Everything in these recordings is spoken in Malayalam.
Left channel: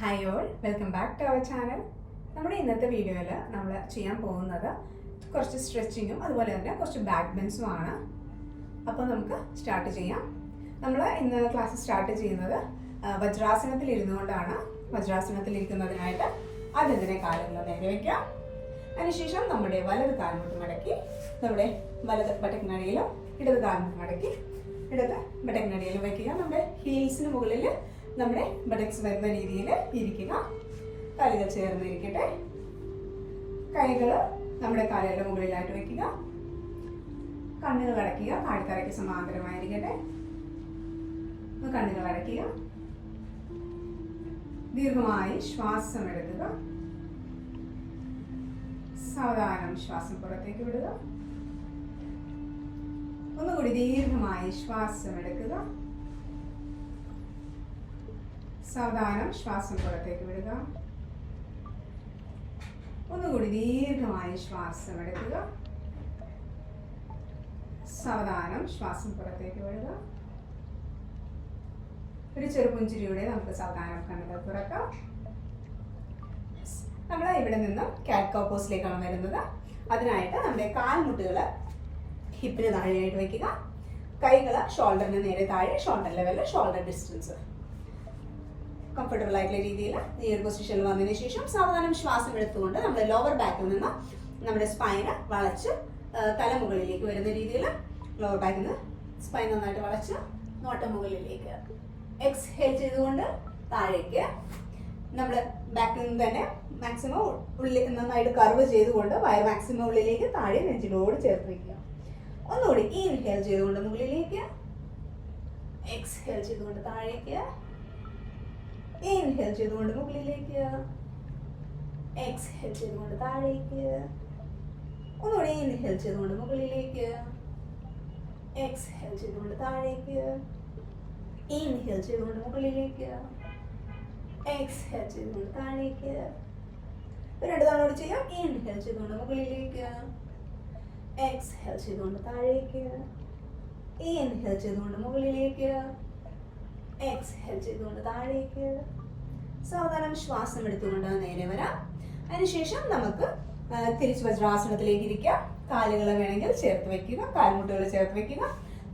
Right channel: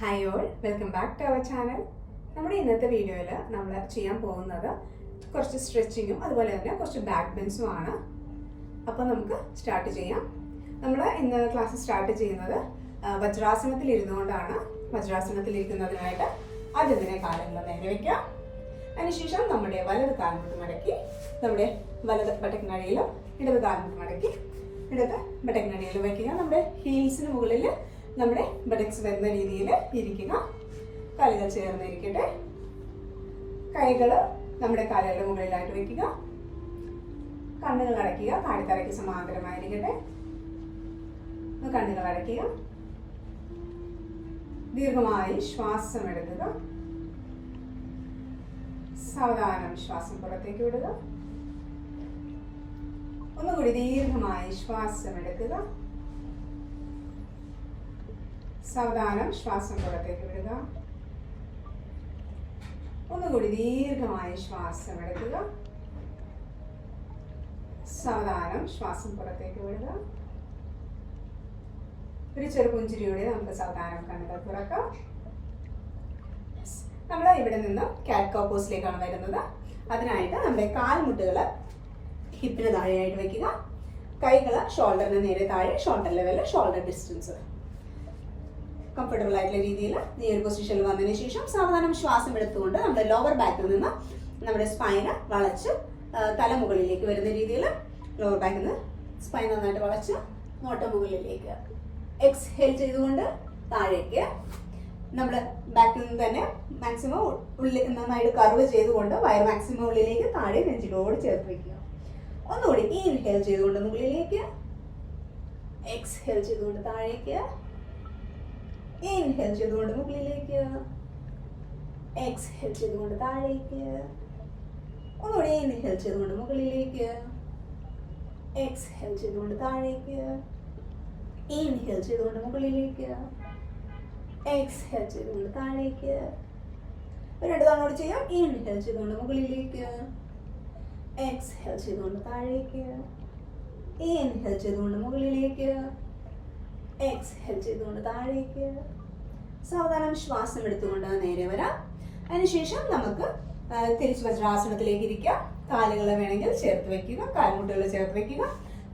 Hi all, welcome back to our channel. നമ്മുടെ ഇന്നത്തെ വീഡിയോയിൽ നമ്മൾ ചെയ്യാൻ പോകുന്നത് കുറച്ച് സ്ട്രെച്ചിങ്ങും അതുപോലെ തന്നെ കുറച്ച് ബാക്ക് ബെൻസുമാണ്. അപ്പോൾ നമുക്ക് സ്റ്റാർട്ട് ചെയ്യാം. നമ്മൾ ഇന്ന് ക്ലാസ് സ്റ്റാർട്ട് ചെയ്യുന്നത് വജ്രാസനത്തിൽ ഇരുന്നുകൊണ്ടാണ്. വജ്രാസനത്തിൽ ഇരിക്കുന്നതിനായിട്ട് ആദ്യം തന്നെ കാലുകൾ നേരെ വയ്ക്കാം. അതിനുശേഷം നമ്മുടെ വലത് കാൽമുട്ട് മടക്കി നമ്മുടെ വലത് ബട്ടക്കിനടിയിലും ഇടത് കാൽമുട്ട് മടക്കി ഇടത് ബട്ടക്കിനടിയിലും വയ്ക്കുക. നമ്മുടെ ഹീൽസിന് മുകളിൽ നമ്മുടെ ബട്ടക്സ് വരുന്ന രീതിയിൽ ഇരിക്കുക. കാലുകൾ ചേർന്നിരിക്കട്ടെ. കൈകൾ നമ്മുടെ കാലുകളുടെ മുകളിലായിട്ട് വെക്കുക. കണ്ണുകൾ അടയ്ക്കുക. താഴ്ത്തറയ്ക്ക് സമാന്തരമായിരിക്കട്ടെ. കണ്ണുകൾ അടയ്ക്കുക. ദീർഘമായി ശ്വാസം എടുക്കുക. സാവധാനം ശ്വാസം പുറത്തേക്ക് വിടുക. ഒന്നുകൂടി ദീർഘമായി ശ്വാസം എടുക്കുക. സാവധാനം ശ്വാസം പുറത്തേക്ക് വിടുക. ഒന്നുകൂടി ദീർഘമായി ശ്വാസം എടുക്കുക. സാവധാനം ശ്വാസം പുറത്തേക്ക് വിടുക. ഒരു ചെറുപുഞ്ചിരിയോടെ നമുക്ക് സാവധാനം കണ്ണുകൾ തുറക്കാം. നമ്മൾ ഇവിടെ നിന്നും കാറ്റ് കൗ പോസിലേക്കാണ് വരുന്നത്. അതിനായിട്ട് നമ്മുടെ കാൽമുട്ടുകൾ ഹിപ്പിന് താഴെയായിട്ട് വയ്ക്കുക. കൈകൾ ഷോൾഡറിന് നേരെ താഴെ, ഷോൾഡർ ലെവലിൽ, ഷോൾഡർ ഡിസ്റ്റൻസ് കംഫർട്ടബിൾ ആയിട്ടുള്ള രീതിയിൽ ഈ ഒരു പൊസിഷനിൽ വന്നതിന് ശേഷം സാവധാനം ശ്വാസം എടുത്തുകൊണ്ട് നമ്മുടെ ലോവർ ബാക്കിൽ നിന്ന് നമ്മുടെ സ്പൈന് വളച്ച് തലമുകളിലേക്ക് വരുന്ന രീതിയിൽ ലോവർ ബാക്കിൽ നിന്ന് സ്പൈൻ നന്നായിട്ട് വളച്ച് നോട്ട മുകളിലേക്ക് എക്സ്ഹേൽ ചെയ്തുകൊണ്ട് താഴേക്ക് നമ്മൾ ബാക്കിൽ നിന്ന് തന്നെ മാക്സിമം ഉള്ളിൽ നന്നായിട്ട് കർവ് ചെയ്തുകൊണ്ട് വയർ മാക്സിമം ഉള്ളിലേക്ക് താഴെ നെഞ്ചിലോട് ചേർത്ത് വയ്ക്കുക. ഒന്നുകൂടി ഇൻഹേൽ ചെയ്തുകൊണ്ട് മുകളിലേക്ക്, എക്സ്ഹേൽ ചെയ്തുകൊണ്ട് താഴേക്ക്, ഇൻഹേൽ ചെയ്തുകൊണ്ട് മുകളിലേക്ക്, എക്സ്ഹേൽ ചെയ്തുകൊണ്ട് താഴേക്ക്, ഒന്നുകൂടി ഇൻഹേൽ ചെയ്തുകൊണ്ട് മുകളിലേക്ക്, എക്സ്ഹേൽ ചെയ്തുകൊണ്ട് താഴേക്ക്, ഇൻഹേൽ ചെയ്തുകൊണ്ട് മുകളിലേക്ക്, എക്സ്ഹേൽ ചെയ്തുകൊണ്ട് താഴേക്ക്. രണ്ട് തവണ ചെയ്യാം. ഇൻഹേൽ ചെയ്തുകൊണ്ട് മുകളിലേക്ക്, എക്സ്ഹേൽ ചെയ്തുകൊണ്ട് താഴേക്ക്, ഇൻഹേൽ ചെയ്തുകൊണ്ട് മുകളിലേക്ക്, എക്സ്ഹേൽ ചെയ്തുകൊണ്ട് താഴേക്ക്. സാവധാനം ശ്വാസം എടുത്തുകൊണ്ട് നേരെ വരാം. അതിനുശേഷം നമുക്ക് തിരിച്ച് വജ്രാസനത്തിലേക്ക് ഇരിക്കാം. കാലുകൾ വേണമെങ്കിൽ ചേർത്ത് വെക്കുക, കാൽമുട്ടുകൾ ചേർത്ത് വെക്കുക.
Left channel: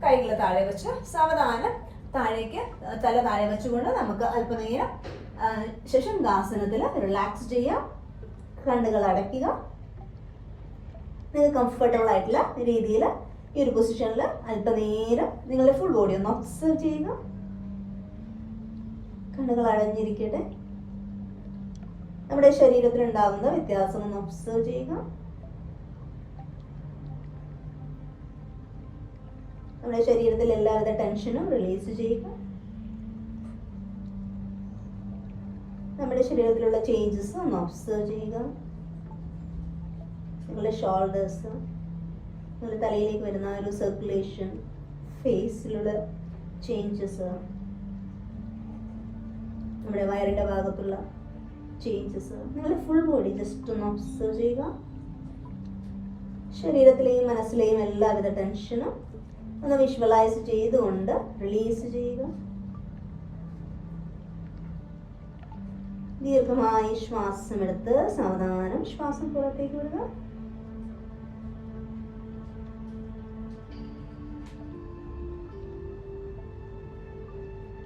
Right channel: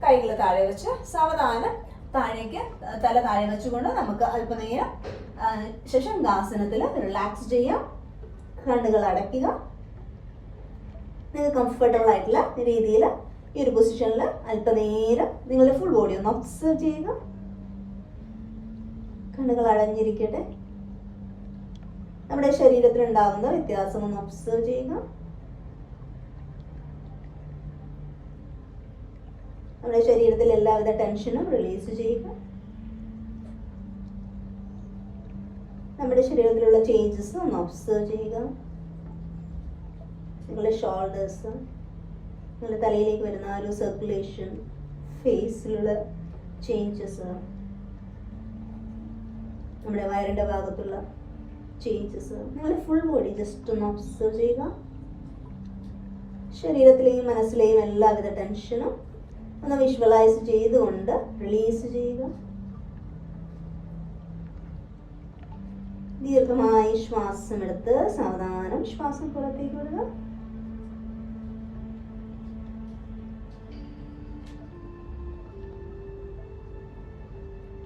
കൈകൾ താഴെ വെച്ച് സാവധാനം താഴേക്ക് തല താഴെ വെച്ചുകൊണ്ട് നമുക്ക് അല്പനേരം ശശാങ്കാസനത്തിൽ റിലാക്സ് ചെയ്യാം. കണ്ണുകൾ അടയ്ക്കുക. നിങ്ങൾക്ക് കംഫർട്ടബിൾ ആയിട്ടുള്ള രീതിയിൽ ഈ ഒരു പൊസിഷനിൽ അല്പനേരം നിങ്ങളുടെ ഫുൾ ബോഡി ഒന്ന് ഒബ്സർവ് ചെയ്യുക. കണ്ണുകൾ അടഞ്ഞിരിക്കട്ടെ. നമ്മുടെ ശരീരത്തിൽ ഉണ്ടാകുന്ന വ്യത്യാസം ഒന്ന് ഒബ്സർവ് ചെയ്യുക. നമ്മുടെ ശരീരത്തിൽ എല്ലാവിധ ടെൻഷനും റിലീസ് ചെയ്യുക. നമ്മുടെ ശരീരത്തിലുള്ള ചേഞ്ചസ് ഒന്ന് ഒബ്സർവ് ചെയ്യുക. നിങ്ങളുടെ ഷോൾഡേഴ്സ്, നിങ്ങളുടെ തലയിലേക്ക് വരുന്ന ഒരു സർക്കുലേഷൻ, ഫേസിലുള്ള ചേഞ്ചസ്, നമ്മുടെ വയറിൻ്റെ ഭാഗത്തുള്ള ചേഞ്ചസ്, നിങ്ങളുടെ ഫുൾ ബോഡി ജസ്റ്റ് ഒന്ന് ഒബ്സർവ് ചെയ്യുക. ശരീരത്തിലെയും മനസ്സിലെയും എല്ലാവിധ ടെൻഷനും ഒന്ന് വിഷ്വലൈസ് ചെയ്തുകൊണ്ട് റിലീസ് ചെയ്യുക. ദീർഘമായി ശ്വാസം എടുത്ത് സാവധാനം ശ്വാസം പുറത്തേക്ക് വിടുക.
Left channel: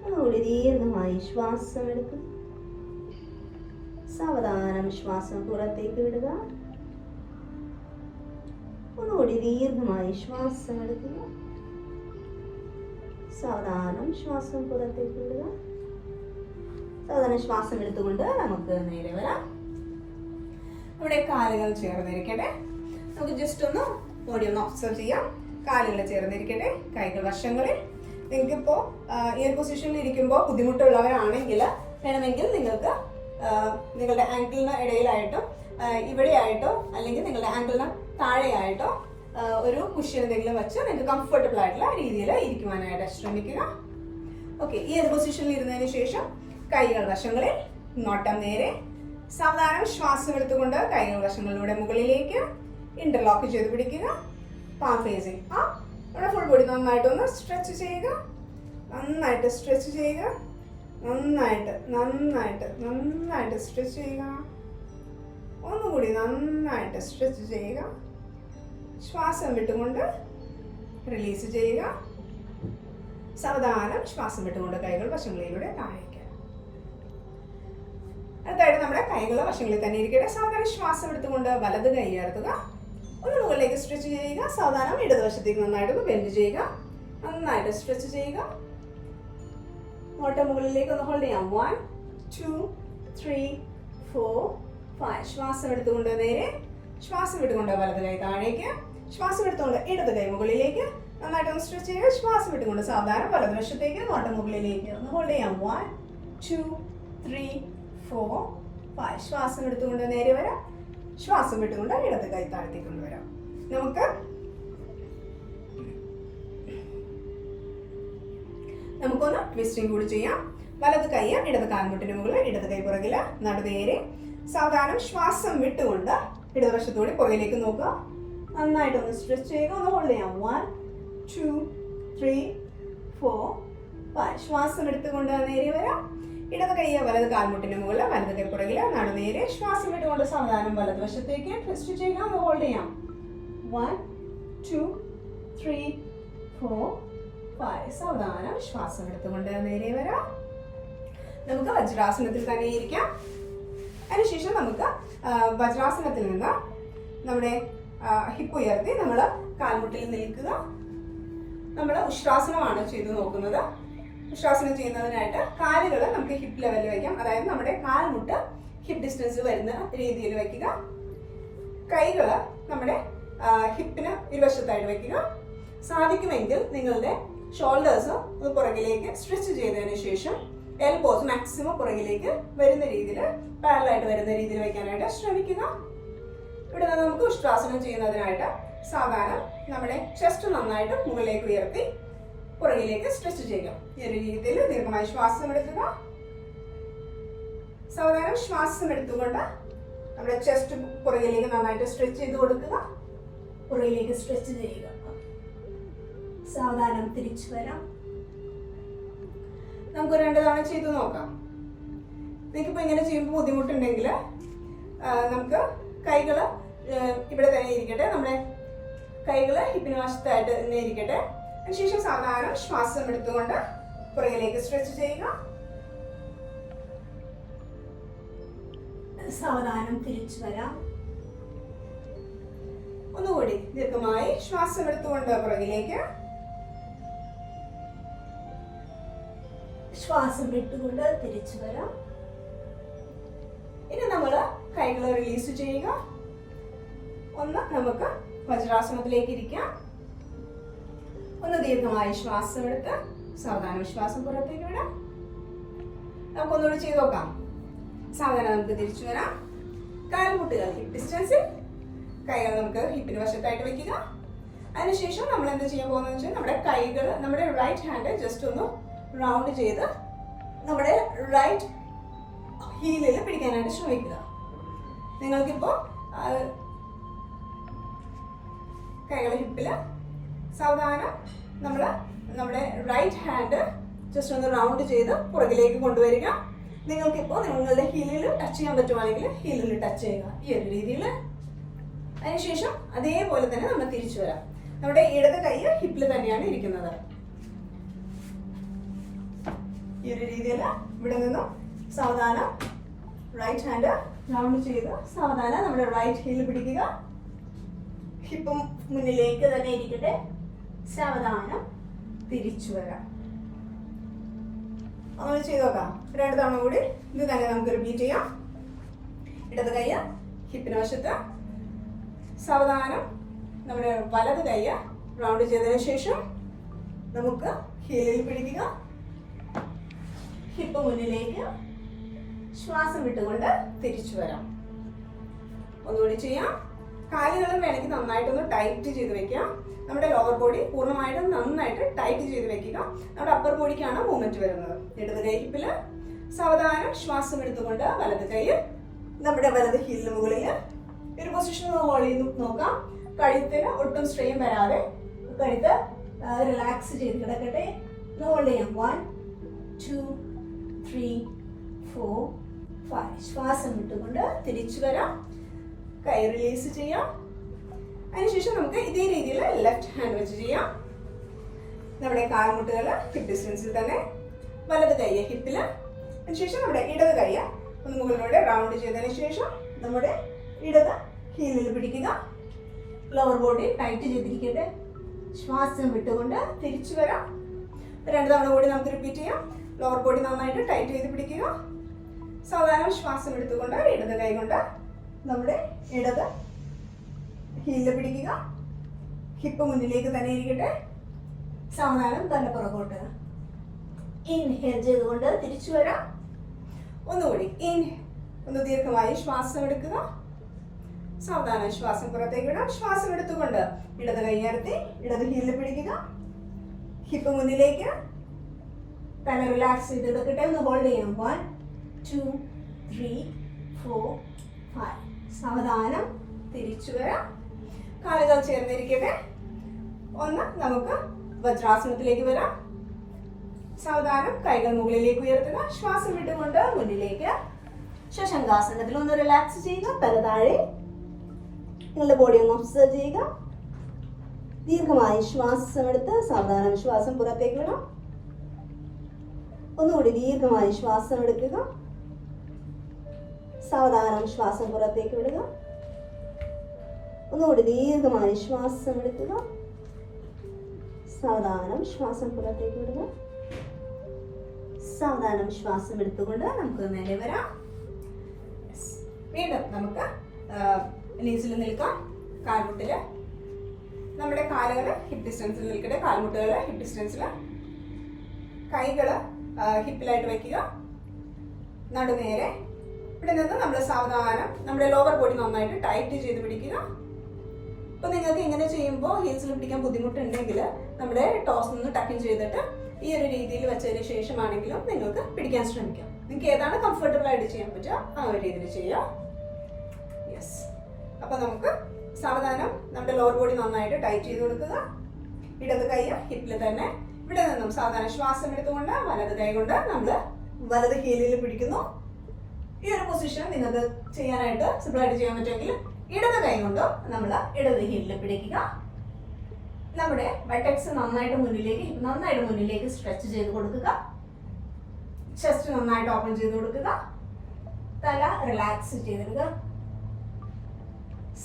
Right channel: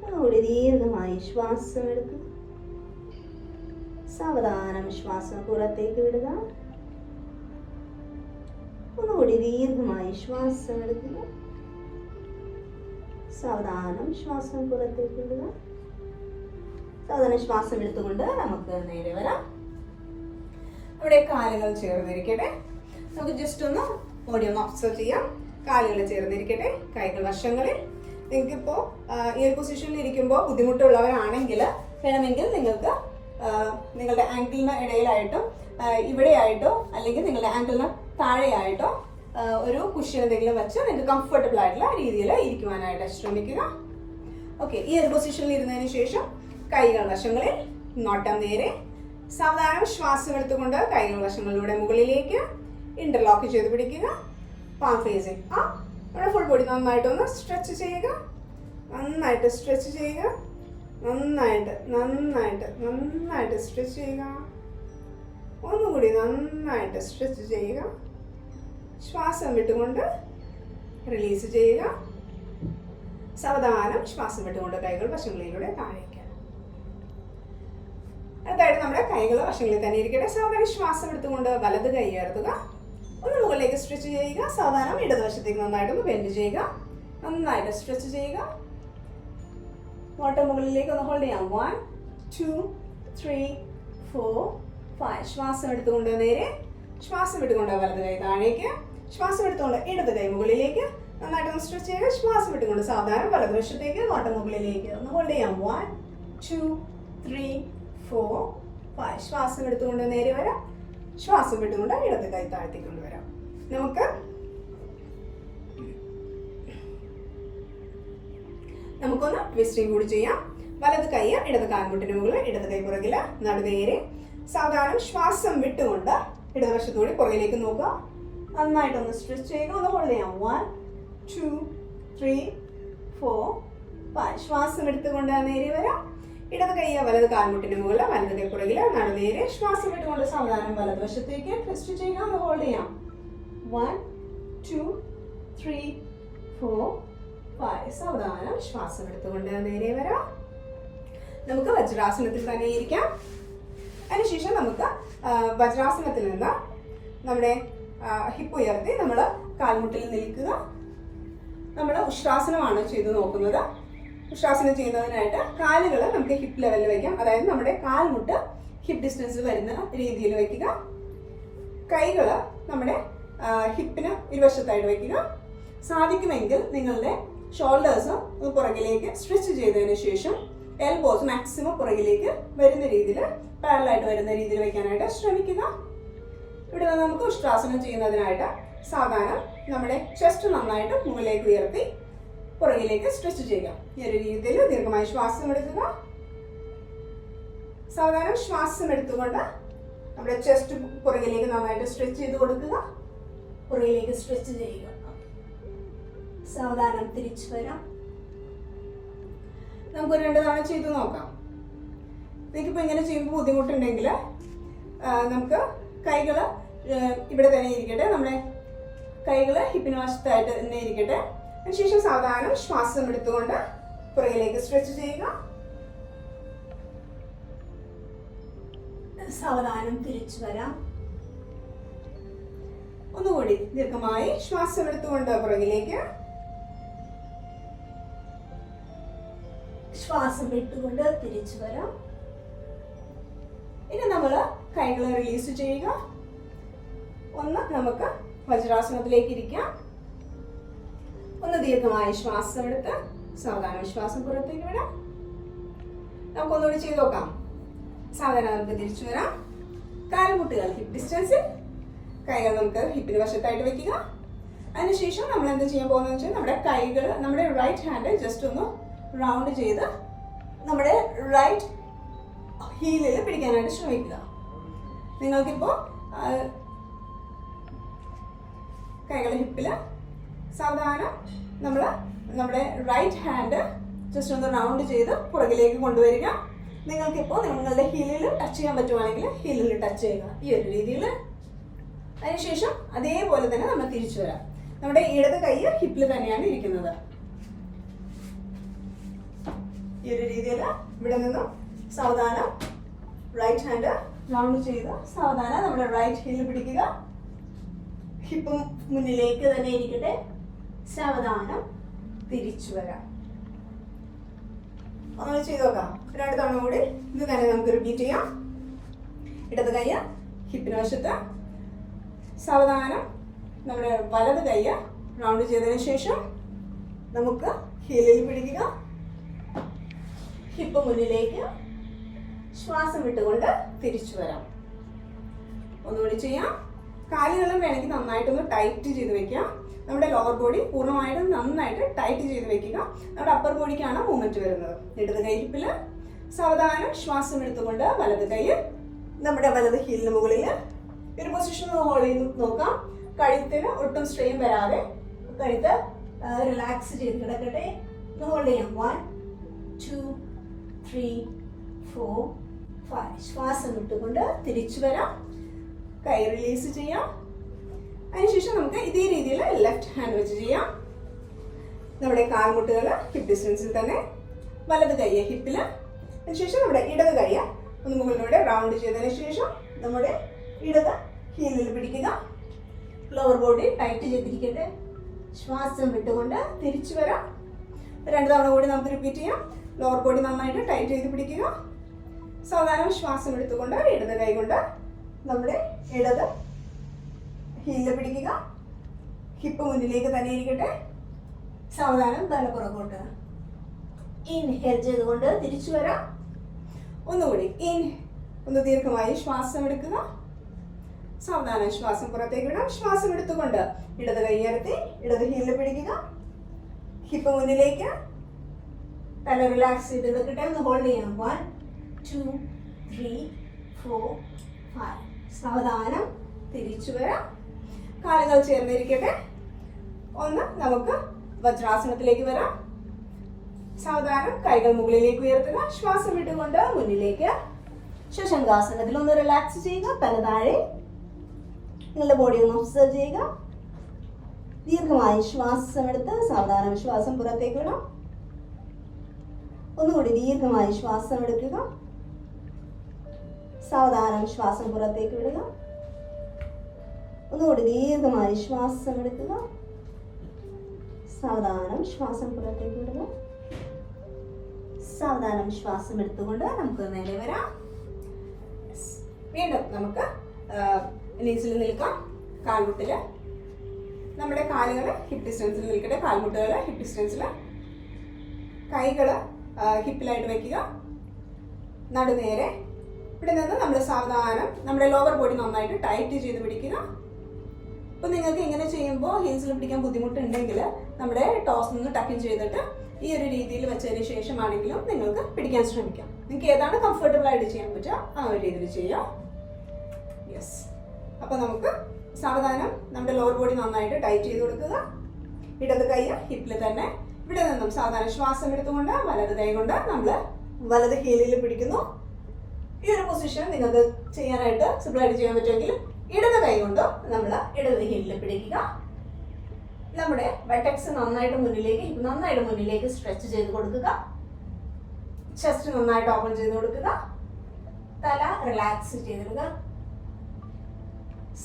ഒന്നുകൂടി ദീർഘമായി ശ്വാസം എടുക്കുക. സാവധാനം ശ്വാസം പുറത്തേക്ക് വിടുക. ഒന്നുകൂടി ദീർഘമായി ശ്വാസം എടുക്കുക. സാവധാനം ശ്വാസം പുറത്തേക്ക് വിടുക. സാവധാനം ശ്വാസം എടുത്തുകൊണ്ട് നമുക്ക് നേരെ വരാം. നമ്മുടെ കാലുകൾ ചേർന്നിരിക്കട്ടെ. നമുക്ക് ജസ്റ്റ് ഒന്ന് ബോഡി ഒന്ന് ഒബ്സർവ് ചെയ്യാം. കാലുകൾ ചേർന്നിരിക്കട്ടെ. കൈകൾ വശങ്ങളിൽ. നിങ്ങൾക്കിപ്പോൾ ഈ ഒരു പൊസിഷനിൽ ഇരിക്കുമ്പോൾ ബുദ്ധിമുട്ടുള്ളവരാണെങ്കിൽ വേണമെങ്കിൽ നിങ്ങൾക്ക് നിങ്ങളുടെ ആങ്കിളിന് ഇടയിലായിട്ടോ ഇവിടെയായിട്ടോ അല്ലെങ്കിൽ നിങ്ങളുടെ ആങ്കിളിന് താഴെയായിട്ടോ ഒരു കുഷ്യൻ എന്തെങ്കിലും വെച്ച് നിങ്ങൾക്ക് കംഫർട്ടബിൾ ആയിട്ടുള്ള രീതിയിൽ ഇരിക്കുവാനായിട്ട് ശ്രമിക്കുക. ഓക്കെ, ഈ ഒരു പൊസിഷനിൽ ഇരുന്നതിന് ശേഷം കൈകൾ വശങ്ങളിൽ, നോട്ടം നേരെ. സാവധാനം ശ്വാസം എടുത്തുകൊണ്ട് കൈകൾ വശങ്ങളിലൂടെ മുകളിലേക്ക് ഇന്റർലോക്ക് ചെയ്ത് പിടിക്കുക. പാം ഫേസിങ് ആ നമ്മുടെ ഫുൾ ബോഡി നന്നായിട്ടൊന്ന് സ്ട്രെച്ച് ചെയ്യുക. നന്നായിട്ട് സ്ട്രെച്ച് ചെയ്യുക. നന്നായിട്ട് നന്നായിട്ട് നന്നായിട്ട് സ്ട്രെച്ച് ചെയ്യുക. ഒന്നുകൂടി നന്നായിട്ട് സ്ട്രെച്ച് ചെയ്യുക. ശ്വാസം വിട്ടുകൊണ്ട് റിലീസ് ചെയ്യുക. സാവധാനം ശ്വാസം വിട്ടുകൊണ്ട് കൈകൾ വശങ്ങളിലൂടെ താഴേക്ക്. അടുത്തായിട്ട് നമ്മുടെ കൈകൾ വശങ്ങളിൽ തന്നെ ഇരിക്കട്ടെ. സാവധാനം ശ്വാസം എടുത്തുകൊണ്ട് വലത് കൈ ഉയർത്തുക. ഒന്ന് മുകളിലേക്ക് സ്ട്രെച്ച് ചെയ്യുക. സാവധാനം ഇടതുവശത്തേക്ക് നന്നായിട്ടൊന്ന് ബെൻഡ് ചെയ്യുക. നന്നായിട്ട് സ്ട്രെച്ച് ചെയ്യുക. മുകളിലേക്ക് ഒന്ന് ഹോൾഡ് ചെയ്യാം. 1 2 3 4 5. ശ്വാസം എടുത്തുകൊണ്ട് നേരെ, ശ്വാസം വിട്ടുകൊണ്ട് വലത് കൈ താഴേക്ക്, ശ്വാസം എടുത്തുകൊണ്ട് ഇടത് കൈ മുകളിലേക്ക്, നന്നായിട്ടൊന്ന് സ്ട്രെച്ച് ചെയ്യുക. ശ്വാസം വിട്ടുകൊണ്ട് സാവധാനം വലതുവശത്തേക്ക് മുകളിലേക്ക് ഒന്ന് ഹോൾഡ് ചെയ്യാം. 1 2 3 4 5. ശ്വാസം എടുത്തുകൊണ്ട് നേരെ വരാം. ശ്വാസം വിട്ടുകൊണ്ട് ഇടത് കൈ താഴ്ത്തി കൊണ്ടുവരാം. നമുക്കൊന്ന് ട്വിസ്റ്റിംഗ് കൂടി ചെയ്യാം. വലത് കൈ ഇടത് കാൽമുട്ടിന് മുകളിൽ, ഇടത് കൈ പുറകില്, നടുനേരെ. സാവധാനം ശ്വാസം വിട്ടുകൊണ്ട് ഇടതുവശത്തൂടെ പുറകിലേക്ക് നോക്കുക. നന്നായിട്ടൊന്ന് സ്ട്രെച്ച് ചെയ്യുക. ഒന്ന് ഹോൾഡ് ചെയ്യാം. 1 2 3 4 5. ശ്വാസം എടുത്തുകൊണ്ട് നേരെ വരാം. ഇടത് കൈ വലത് കാൽമുട്ടിന് മുകളിൽ, വലത് കൈ പുറകില്, നടുനേരെ. ശ്വാസം വിട്ടുകൊണ്ട് സാവധാനം വലതുവശത്തേക്ക് ട്വിസ്റ്റ് ചെയ്യുക. ഒന്ന് ഹോൾഡ് ചെയ്യാം. 1 2 3 4 5. സാവധാനം ശ്വാസം എടുത്തുകൊണ്ട് നേരെ വരാം. നമുക്ക് വജ്രാസനത്തിൽ തന്നെ ഇരിക്കാം. അതിനുശേഷം നമുക്ക് വജ്രാസനത്തിൽ നിന്ന് നമ്മുടെ ഹിപ്പ് ഉയർത്തി നമ്മൾ കാൽമുട്ടിൽ നിൽക്കുക. നമ്മൾ ഉഷ്ട്രാസനമാണ് ചെയ്ത് നോക്കുന്നത്. ഉഷ്ട്രാസനം ചെയ്യുന്നതിനായിട്ട് കാലുകൾ നമുക്ക് ഹിപ്പ് ലെവലിൽ വയ്ക്കാം. അതായത് നമ്മുടെ കാൽമുട്ട് ഹിപ്പ് ഡിസ്റ്റൻസ് വരുന്ന രീതിയിൽ വയ്ക്കുക. കൈകൾ നമ്മുടെ ഹിപ്പിന് ഇരുവശത്തായിട്ട് വയ്ക്കുക. സാധിക്കുമെങ്കിൽ നിങ്ങളുടെ ഷോൾഡേഴ്സ് ഒന്ന് പുറകിലേക്ക് സ്ട്രെച്ച് ചെയ്തതിനു ശേഷം എൽബോസ് മാക്സിമം പുറകിലേക്ക് വരുന്ന രീതിയിൽ, പാരലായിട്ട് വരുന്ന രീതിയിൽ വയ്ക്കാനായിട്ട് ശ്രമിക്കുക. ഇവിടെ നിന്ന് നമുക്ക് ഉഷ്ട്രാസനം ചെയ്യുന്നതിനായിട്ട് സാധാരണ നമ്മുടെ ചെസ്റ്റ് നന്നായിട്ട് മുകളിലേക്ക് ഉയർത്തി പുറകിലേക്ക് സ്ട്രെച്ച് ചെയ്യുക. ഈ ഒരു രീതിയിൽ ദീർഘമായി ശ്വാസം എടുക്കുക. സാധാരണ ശ്വാസം എടുത്തുകൊണ്ട് നമ്മുടെ ചെസ്റ്റ് പുറകിലേക്ക് നന്നായിട്ട് സ്ട്രെച്ച് ചെയ്ത് കൊടുക്കുക. പുറകിലേക്ക് സ്ട്രെച്ച് ചെയ്യുക. സാവധാനം തിരിച്ചു വരാം. നമുക്ക് 2 തവണ ചെയ്ത് നോക്കാം. നിങ്ങൾക്കിപ്പോൾ ഇങ്ങനെ ചെയ്യുമ്പോൾ ബുദ്ധിമുട്ടുണ്ടെങ്കിൽ നമുക്ക് കൈകൾ ഇവിടെ തന്നെ ഇരിക്കട്ടെ. നമ്മുടെ കൈകൾ ഹിപ്പിന് വശത്തായിട്ട് തന്നെ ഇരിക്കട്ടെ. അതിനുശേഷം സാവധാനം ശ്വാസം എടുത്തുകൊണ്ട് പുറകിലേക്ക് സ്ട്രെച്ച് ചെയ്യുക. സാവധാനം തിരിച്ചു വരാം. ഒന്നുകൂടി ദീർഘമായി ശ്വാസം എടുത്തുകൊണ്ട് പുറകിലേക്ക്, ശ്വാസം വിട്ടുകൊണ്ട് തിരിച്ചു വരാം. ഇനി നമ്മൾ കൈകൾ റിലീസ് ചെയ്യുക. ഒന്ന് നമുക്ക് വജ്രാസനത്തിലേക്ക് ഇരിക്കാം. ഒന്ന് ദീർഘമായി ശ്വാസം എടുത്ത് സാവധാനം ശ്വാസം പുറത്തേക്ക് വിടാം. നമുക്കൊന്നുകൂടി ചെയ്ത് നോക്കാം. സാവധാനം നമുക്ക് തിരിച്ചു വരാം. കാൽമുട്ടുകൾ ഹിപ്പ് ഡിസ്റ്റൻസിൽ, കൈകൾ നമുക്ക് ഹിപ്പിന് വശത്തായിട്ട് വെക്കുക. അതിനുശേഷം നമ്മൾ എന്താ ചെയ്യാൻ പോകുന്നത് വെച്ചാൽ നമ്മുടെ കൈകൾ, നമ്മുടെ റൈറ്റ് ഹാൻഡ് ജസ്റ്റ് ഒന്ന് റൗണ്ട് ചെയ്ത് നമ്മുടെ റൈറ്റ് ഹീലിൽ പിടിക്കാനായിട്ട് ശ്രമിക്കുക. നിങ്ങൾക്കിപ്പോൾ കൈകൾ ഹിപ്പില് സാവധാനം നമ്മുടെ റൈറ്റ് ഹാൻഡ് ജസ്റ്റ് ഒന്ന് റൗണ്ട് ചെയ്ത് പുറകിലേക്ക് കൊണ്ടുവരിക. നിങ്ങൾക്കിപ്പോൾ നിങ്ങളുടെ ഹീലിൽ ടച്ച് ചെയ്യാൻ പറ്റുവാണെങ്കിൽ ഹീലിൽ ടച്ച് ചെയ്യുക. ഈ ഒരു രീതിയിൽ. അതിനുശേഷം അതേപോലെ തന്നെ നമ്മൾ തിരിച്ചു വരാം. നമ്മുടെ ഇടത് കൈ ഹിപ്പിൽ തന്നെയാണ് ഇരിക്കുന്നത്. ഈ ഒരു രീതിയിൽ ഇവിടെ നിന്നും സാവധാനം റൈറ്റ് ഹാൻഡ് റൗണ്ട് ചെയ്ത് സാവധാനം നമ്മുടെ റൈറ്റ് ഹീൽ പിടിക്കുക. ഹിപ്പും മുന്നിലേക്ക് തന്നെ ഇരിക്കട്ടെ. സാവധാനം തിരിച്ചു വരാം. അങ്ങനെ ചെയ്ത് നോക്കാം. 2 തവണ കൂടി ഇത് തന്നെ നമുക്ക് റിപ്പീറ്റ് ചെയ്യാം. ഇടത് കൈ ഹിപ്പിന് വശത്ത്, സാവധാനം നമ്മുടെ വലത് കൈ റൗണ്ട് ചെയ്തതിനു ശേഷം നമുക്ക് ഹീലിൽ പിടിക്കുക. ഹിപ്പ് മുന്നിലേക്ക്, ശ്വാസം വിട്ടുകൊണ്ട് തിരിച്ചു വരാം. ഒന്നുകൂടി ചെയ്യാം. കാലുകളും വേണമെങ്കിൽ നന്നായിട്ടൊന്ന് ടൈറ്റ് ചെയ്ത് വെക്കാം. നമ്മുടെ ലോവർ ബോഡി പൂർണ്ണമായിട്ടും നന്നായിട്ട് ടൈറ്റ് ചെയ്ത് വെക്കുക. നമ്മുടെ അപ്പർ ബോഡിക്കാണ് മൂവ്മെന്റ് വരുന്നത്. ഇടത് കൈ ഹിപ്പില്, സാവധാനം ശ്വാസം എടുത്തുകൊണ്ട് വലത് കൈ നമ്മുടെ വലത് ഹീലിന് മുകളിൽ ഒരു പൊസിഷൻ ഹോൾഡ് ചെയ്ത് നോക്കാം. കഴുത്തിന് ഒട്ടും സ്ട്രെയിൻ വരാതെ കഴുത്ത് റിലാക്സ് ചെയ്ത് കിടക്കട്ടെ. ഹോൾഡ് ചെയ്യാം. 1 2 3 4 5. ശ്വാസം വിട്ടുകൊണ്ട് തിരിച്ചു വരാം. കൈ റിലീസ് ചെയ്യാം. അതിനുശേഷം നമുക്ക് ഇതേ രീതിയിൽ ലെഫ്റ്റ് ഹാൻഡ് വെച്ച് ചെയ്യാം. നമ്മുടെ കാൽമുട്ടുകൾ ഹിപ്പ് ഡിസ്റ്റൻസിൽ തന്നെ, വലത് കൈ ഹിപ്പില്. അതിനുശേഷം നമ്മുടെ ഇടത് കൈ ഒന്ന് മുകളിലൂടെ റൗണ്ട് ചെയ്തതിന് ശേഷം നമ്മുടെ ഇടത് ഹീലിൽ പിടിക്കുക. ലോവർ ബോഡി ടൈറ്റ് ചെയ്തിരിക്കട്ടെ. ശ്വാസം വിട്ടുകൊണ്ട് തിരിച്ചു വരാം. 2 തവണ കൂടി നമുക്ക് റിപ്പീറ്റ് ചെയ്യാം. ലോവർ ബോഡി നന്നായിട്ട് ടൈറ്റ് ചെയ്ത് പിടിക്കുക. സാവധാനം ശ്വാസം എടുത്തുകൊണ്ട് ഇടത് കൈ കൊണ്ട് നമ്മുടെ ഇടത് ഹീലിൽ പിടിക്കുക. ഹിപ്പ് മുന്നിലേക്ക് തന്നെ ഇരിക്കട്ടെ. സാവധാനം തല പുറകോട്ട്. ഇൻഹേൽ ചെയ്തുകൊണ്ട് തിരിച്ചു വരാം. ഒന്നുകൂടി ഒന്ന് ദീർഘമായി ശ്വാസം എടുക്കുക. സാവധാനം ശ്വാസം പുറത്തേക്ക് വിടാം. ശ്വാസം എടുത്തുകൊണ്ട് ഇടത് കൈ ഉയർത്തി ഇടത് ഹീലിൽ പിടിക്കുക. ഹിപ്പ് മുന്നിലേക്ക്. തല റിലാക്സ് ചെയ്തെടുക്കട്ടെ. ഒന്ന് ഹോൾഡ് ചെയ്യാം. 1 2 3 4 5. സാവധാനം തിരിച്ചു വരാം. കാലുകൾ ചേർന്നിരിക്കട്ടെ. ഒന്ന് നമുക്ക് വജ്രാസനത്തിലേക്ക് വരാം. സാവധാനം കൈകൾ മുകളിലേക്ക് ഉയർത്തുക. ശ്വാസം വിട്ടുകൊണ്ട് മുന്നിലേക്ക്. ശശങ്കാസനത്തിൽ ഒന്ന് റിലാക്സ് ചെയ്യുക. തല താഴെ. നിങ്ങളുടെ ബോഡി ഒന്ന് ഒബ്സർവ് ചെയ്യുക. ദീർഘമായി ശ്വാസം എടുത്ത് സാവധാനം ശ്വാസം പുറത്തേക്ക് വിടാം. ഒന്നുകൂടി ദീർഘമായി ശ്വാസം എടുക്കുക. സാവധാനം ശ്വാസം പുറത്തേക്ക് വിടുക. ഒന്നുകൂടി ദീർഘമായി ശ്വാസം എടുക്കുക. സാവധാനം ശ്വാസം പുറത്തേക്ക് വിടുക. സാവധാനം ശ്വാസം എടുത്തുകൊണ്ട് നമുക്ക് നേരെ വരാം. വീണ്ടും നമുക്ക് നീസിൽ നിൽക്കാം. കാൽമുട്ടില് നമ്മുടെ കാലുകൾ ഹിപ്പ് ഡിസ്റ്റൻസിൽ നിൽക്കട്ടെ. കാൽമുട്ടുകൾ ഹിപ്പ് ഡിസ്റ്റൻസിൽ. കൈകൾ ഹിപ്പിലായിട്ട് വയ്ക്കുക. നടുനേരെ. ഇവിടെ നിന്ന് നമ്മൾ സാവധാനം നമ്മുടെ ലോവർ ബോഡി നന്നായിട്ട് ടൈറ്റ് ചെയ്ത് പിടിക്കുക. ഇപ്പൊ നിങ്ങൾക്ക് ഇങ്ങനെ ചെയ്യുമ്പോൾ ഹീൽസിൽ പിടിക്കാൻ ബുദ്ധിമുട്ടുണ്ടെങ്കിൽ നമ്മുടെ ടോസ് നിന്ന് ടക്കിൻ ചെയ്തിട്ട് ഈ ഒരു രീതിയിൽ വെച്ചതിന് ശേഷമാണെങ്കിലും നിങ്ങൾക്ക് പിടിക്കാൻ ശ്രമിക്കാം. നിങ്ങൾക്ക് ഏതാണ് കംഫർട്ടബിൾ ആയിട്ട് ചെയ്യാൻ പറ്റുക ആ ഒരു രീതിയിൽ ചെയ്യാം. യെസ്. അപ്പൊ നമുക്ക് സാവധാനം നമ്മുടെ ലോവർ ബോഡി നന്നായിട്ട് ടൈറ്റ് ചെയ്ത് കൊടുക്കുക. ഇടത് കൈ ഹിപ്പിൽ തന്നെ. ഇവിടെ നിന്നും സാവധാനം ശ്വാസം എടുത്തുകൊണ്ട് വലത് കൈ കൊണ്ട് നമ്മൾ വലത് ഹീലിൽ പിടിക്കുന്നു. ഈ ഒരു പൊസിഷൻ നിങ്ങൾക്ക് ചെയ്യാനായിട്ട് സിമ്പിൾ ആയിട്ട് ചെയ്യാൻ പറ്റുമെങ്കിൽ ഇടത് കൈ കൊണ്ട് നമ്മൾ ഇടത് ഹീലിൽ പിടിക്കുക. നമ്മുടെ ബട്ടക്സ് നന്നായിട്ട് മുന്നിലേക്ക് സ്ട്രെച്ച് ചെയ്ത് കൊടുക്കുക. ചെസ്റ്റ് നന്നായിട്ട് ഓപ്പൺ ചെയ്ത് കൊടുക്കുക. തല റിലാക്സ് ചെയ്തെടുക്കുക.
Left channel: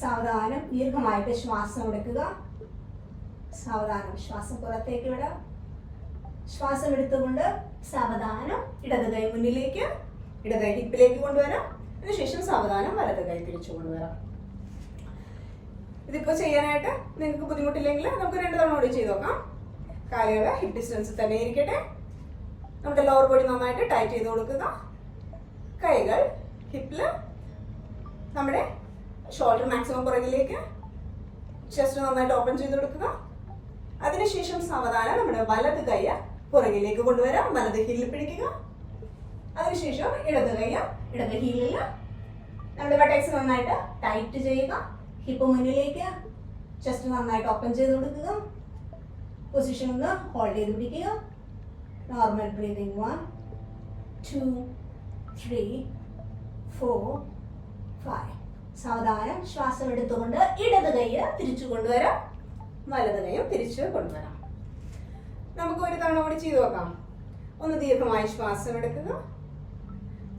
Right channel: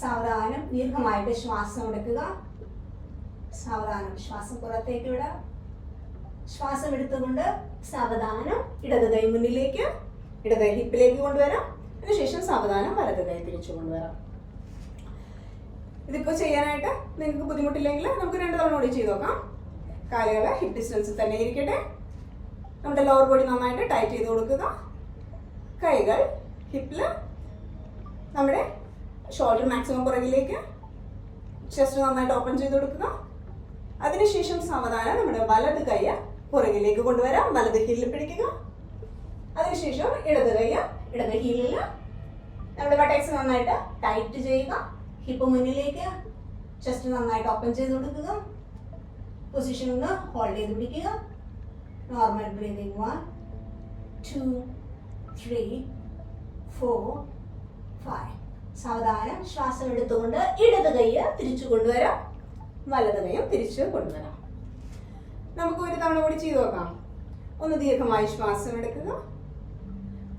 സാവധാനം ദീർഘമായിട്ട് ശ്വാസം എടുക്കുക. സാവധാനം ശ്വാസം പുറത്തേക്ക് വിടാം. ശ്വാസം എടുത്തുകൊണ്ട് സാവധാനം ഇടത് കൈ മുന്നിലേക്ക്, ഇടത് കൈ ഹിപ്പിലേക്ക് കൊണ്ടുവരാം. അതിനുശേഷം സാവധാനം വലത് കൈ തിരിച്ചു കൊണ്ടുവരാം. ഇതിപ്പോ ചെയ്യാനായിട്ട് നിങ്ങൾക്ക് ബുദ്ധിമുട്ടില്ലെങ്കിൽ നമുക്ക് 2 തവണ കൂടി ചെയ്ത് നോക്കാം. കാലുകൾ ഹിപ്പ് ഡിസ്റ്റൻസിൽ തന്നെ ഇരിക്കട്ടെ. നമ്മുടെ ലോവർ ബോഡി നന്നായിട്ട് ടൈറ്റ് ചെയ്ത് കൊടുക്കുക. കൈകൾ ഹിപ്പില്. നമ്മുടെ ഷോൾഡർ മാക്സിമം പുറകിലേക്ക്. ചെസ്റ്റ് നന്നായിട്ട് ഓപ്പൺ ചെയ്ത് കൊടുക്കുക. അതിനുശേഷം സാവധാനം നമ്മുടെ വലത് കൈ പുറകിലേക്ക് കൊണ്ടുവരാം. വലത് ഹീലിൽ പിടിക്കുക. അതിനുശേഷം ഇടത് കൈ ഇടത് ഹീലിൽ. നമ്മുടെ ബട്ടക്സ് നന്നായിട്ട് ടൈറ്റ് ചെയ്യുക. ഹിപ്പ് മുന്നിലേക്ക്. ചെസ്റ്റ് നന്നായിട്ട് ഓപ്പൺ ചെയ്ത് കൊടുക്കുക. പൊസിഷൻ ഒന്ന് ഹോൾഡ് ചെയ്ത് പിടിക്കുക. Normal breathing. 1 2 3 4 5. സാവധാനം ശ്വാസം എടുത്തുകൊണ്ട് ഇടത് കൈ തിരിച്ചു കൊണ്ടുവരാം. വലത് കൈയും തിരിച്ചു കൊണ്ടുവരാം. നമുക്ക് 1 തവണ കൂടി ചെയ്തു നോക്കാം. ഒന്ന് ദീർഘമായി ശ്വാസം എടുക്കുക.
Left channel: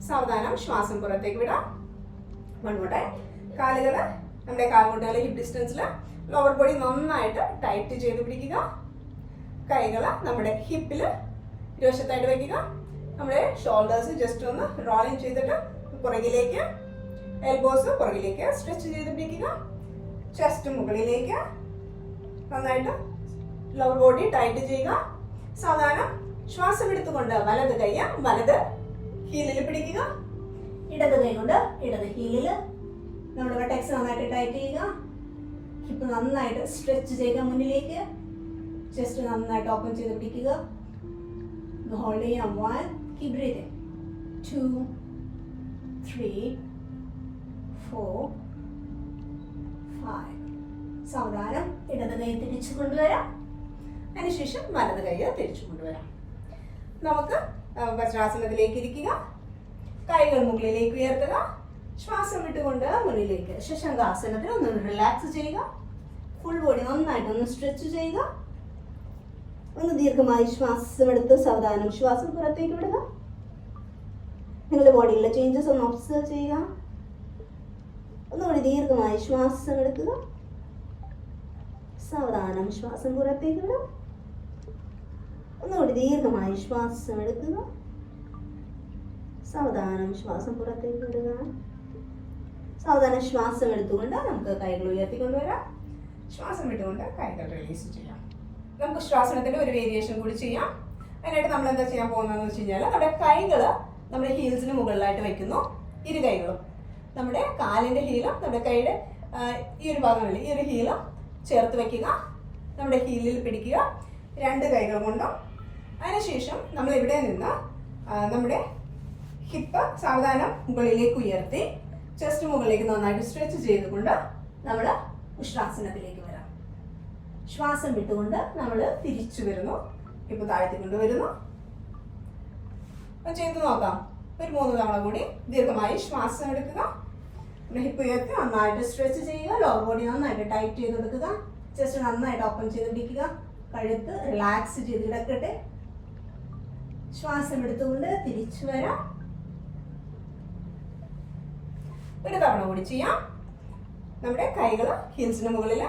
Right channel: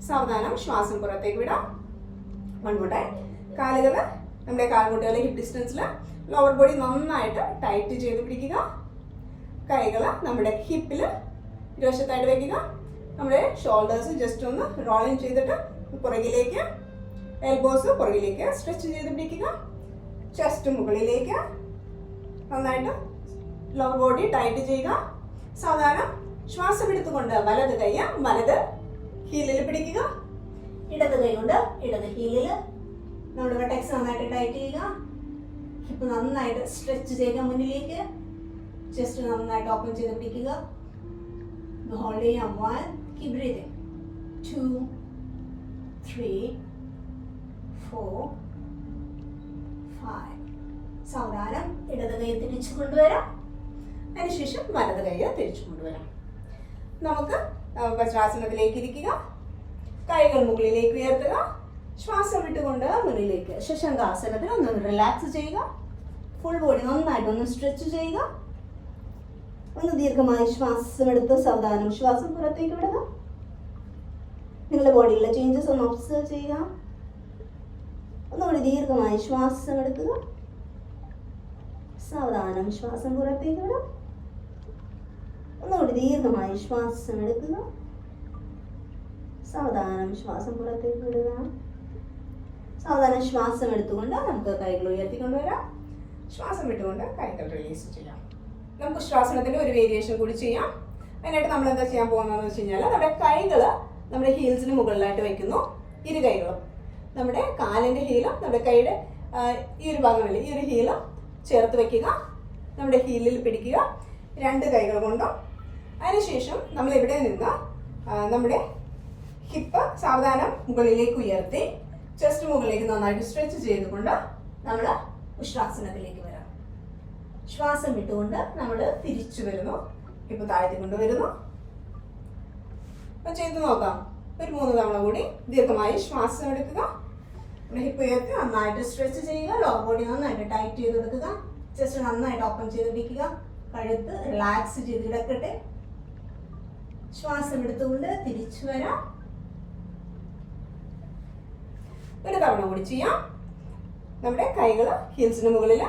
സാവധാനം ശ്വാസം പുറത്തേക്ക് വിടാം. 1 more time. കാലുകൾ നമ്മുടെ കാൽമുട്ടുകൾ ഹിപ്പ് ഡിസ്റ്റൻസിൽ. ലോവർ ബോഡി നന്നായിട്ട് ടൈറ്റ് ചെയ്ത് പിടിക്കുക. കൈകൾ നമ്മുടെ ഹിപ്പിൽ ഇരുവശത്തായിട്ട് വയ്ക്കുക. നമ്മുടെ ഷോൾഡേഴ്സ് ജസ്റ്റ് ഒന്ന് റോളിങ് ചെയ്തിട്ട് പുറകിലേക്ക്. എൽബോസ് പുറകിലേക്ക് സ്ട്രെച്ച് ചെയ്ത് പിടിക്കുക. ചെസ്റ്റ് മുകളിലേക്ക്. നന്നായിട്ട് ലോവർ ബോഡി ടൈറ്റ് ചെയ്യുക. സാവധാനം ശ്വാസം എടുത്തുകൊണ്ട് വലത് കൈ വലത് ഹീലിൽ പിടിക്കുക. ഇടത് കൈ കൊണ്ട് ഇടത് ഹീലിൽ. നമ്മുടെ ബട്ടക്സ് നന്നായിട്ട് ടൈറ്റ് ചെയ്യുക. ഹിപ്പ് നന്നായിട്ട് സ്ട്രെച്ച് ചെയ്യുക മുന്നിലേക്ക്. ചെസ്റ്റ് നന്നായിട്ട് ഓപ്പൺ ചെയ്ത് പിടിക്കുക. ഹോൾഡ് ചെയ്യാം. 1 കീപ് ബ്രീതിങ്. 2 3 4 5. സാവധാനം ഇടത് കൈ തിരിച്ചു കൊണ്ടുവരാം. അതിനുശേഷം വലത് കൈ തിരിച്ചു കൊണ്ടുവരാം. നമുക്ക് വജ്രാസനത്തിലേക്ക് ഇരിക്കുക. കൈകൾ മുകളിലേക്ക് ഉയർത്തുക. ശ്വാസം വിട്ടുകൊണ്ട് മുന്നിലേക്ക്. ശശങ്കാസനത്തിൽ ഒന്ന് റിലാക്സ് ചെയ്യുക. ഫുൾ ബോഡി നന്നായിട്ട് ഒന്ന് സ്ട്രെച്ച് ചെയ്യുക. ഒന്ന് ദീർഘമായി ശ്വാസം എടുത്ത് സാവധാനം ശ്വാസം പുറത്തേക്ക് വിടുക. നിങ്ങളുടെ ബോഡിയിലെ ചേഞ്ചസ് ഒന്ന് ഒബ്സർവ് ചെയ്യുക. ഒന്നുകൂടി ദീർഘമായി ശ്വാസം എടുക്കുക. സാവധാനം ശ്വാസം പുറത്തേക്ക് വിടുക. ഒന്നുകൂടി ദീർഘമായി ശ്വാസം എടുക്കുക. സാവധാനം ശ്വാസം പുറത്തേക്ക് വിടുക. സാവധാനം ശ്വാസം എടുത്തുകൊണ്ട് നമുക്ക് കൈകൾ ഉയർത്തിക്കൊണ്ടുവരാം. ശ്വാസം വിട്ടുകൊണ്ട് കൈകൾ റിലീസ് ചെയ്യാം. നമുക്ക് ശ്വാസനത്തിന്റെ ഒരു വേരിയേഷൻ കൂടി ചെയ്യാം. അതിനായിട്ട് നമ്മൾ എന്താ ചെയ്യാൻ പോകുന്നതെന്ന് വെച്ച് കഴിഞ്ഞാൽ നമ്മുടെ കൈകൾ നമ്മുടെ ഹീൽസിന് മുകളിലായിട്ട് വെക്കുന്നു. ഇരു കൈകളും നമ്മുടെ കാലിന്റെ ഹീലും നമ്മുടെ കൈയുടെ ഈ ഒരു ഭാഗങ്ങളിൽ ഈ ഒരു ഹീലും ചേർത്ത് വെക്കുക. നമ്മുടെ ഹീലിൽ പിടിക്കുക രണ്ട് കൈകൾ കൊണ്ടും. അതിനുശേഷം നമ്മൾ ഇവിടെ നിന്ന് നമ്മുടെ ഹിപ്പ് സാവധാനം മുകളിലേക്ക് ഉയർത്തി ചെസ്റ്റ് മുകളിലേക്ക് നന്നായിട്ട് സ്ട്രെച്ച് ചെയ്തുകൊണ്ട് നമ്മൾ ഉഷ്ട്രാസനത്തിലേക്ക് വരാം. ശ്വാസം വിട്ടുകൊണ്ട് നമ്മൾ തിരിച്ചു വരുന്നു. ഹിപ്പ് താഴ്ത്തിക്കൊണ്ട് വരുന്നു. അപ്പൊ ചെയ്ത് നോക്കാം. ഒരു 3 തവണ കൂടി ദീർഘമായി ശ്വാസം എടുക്കുക. ഹിപ്പ് ഉയർത്തി നന്നായിട്ട് സ്ട്രെച്ച് ചെയ്യുക. ലോവർ ബോഡി നന്നായിട്ട് ടൈറ്റ് ചെയ്ത് കൊടുക്കുക. ചെസ്റ്റ് നന്നായിട്ട് ഓപ്പൺ ചെയ്തിരിക്കുക. കഴുത്ത് റിലാക്സ് ചെയ്ത് കിടക്കട്ടെ. ശ്വാസം എടുത്തുകൊണ്ട് തിരിച്ചു വരാം. ഒരു തവണ കൂടി ചെയ്യാം. നമ്മുടെ കൈകൾ ഹീൽസിന് മുകളിൽ,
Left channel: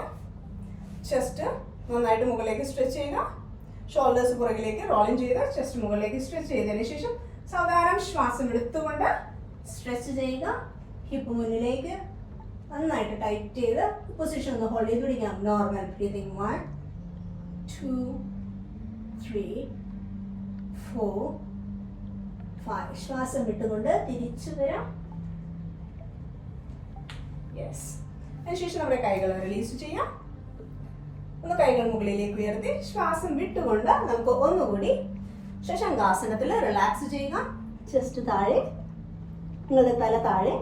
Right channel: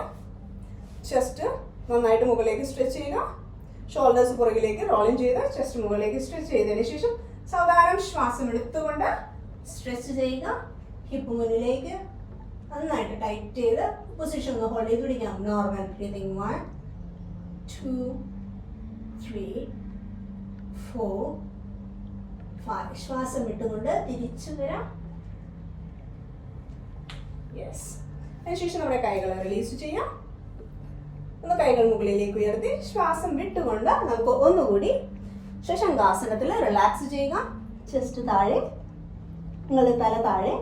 ചെസ്റ്റ് നന്നായിട്ട് മുകളിലേക്ക് സ്ട്രെച്ച് ചെയ്യുക. ഷോൾഡേഴ്സ് പുറകിലേക്ക് റോളിങ് ചെയ്ത് ചെസ്റ്റ് മുകളിലേക്ക് സ്ട്രെച്ച് ചെയ്തതിന് ശേഷം സാവധാനം ശ്വാസം എടുത്തുകൊണ്ട് സ്ട്രെച്ച് ചെയ്യുക. ഹിപ്പ് മുന്നിലേക്ക് നന്നായിട്ട് ടൈറ്റ് ചെയ്ത് പൊസിഷൻ ഒന്ന് ഹോൾഡ് ചെയ്ത് പിടിക്കാം. Normal breathing 1 2 3 4 5. ശ്വാസം വിട്ടുകൊണ്ട് തിരിച്ചു വരാം. യെസ്. അതിനുശേഷം നമ്മുടെ കൈകൾ റിലീസ് ചെയ്യാം. ഒന്ന് കൈകൾ മുകളിലേക്ക് ഉയർത്തി ശ്വാസം വിട്ടുകൊണ്ട് നമുക്ക് ഒന്നുകൂടി ശശങ്കാസനത്തിൽ റിലാക്സ് ചെയ്യുക. ചെസ്റ്റ് താഴെ, നിങ്ങളുടെ തല താഴെ,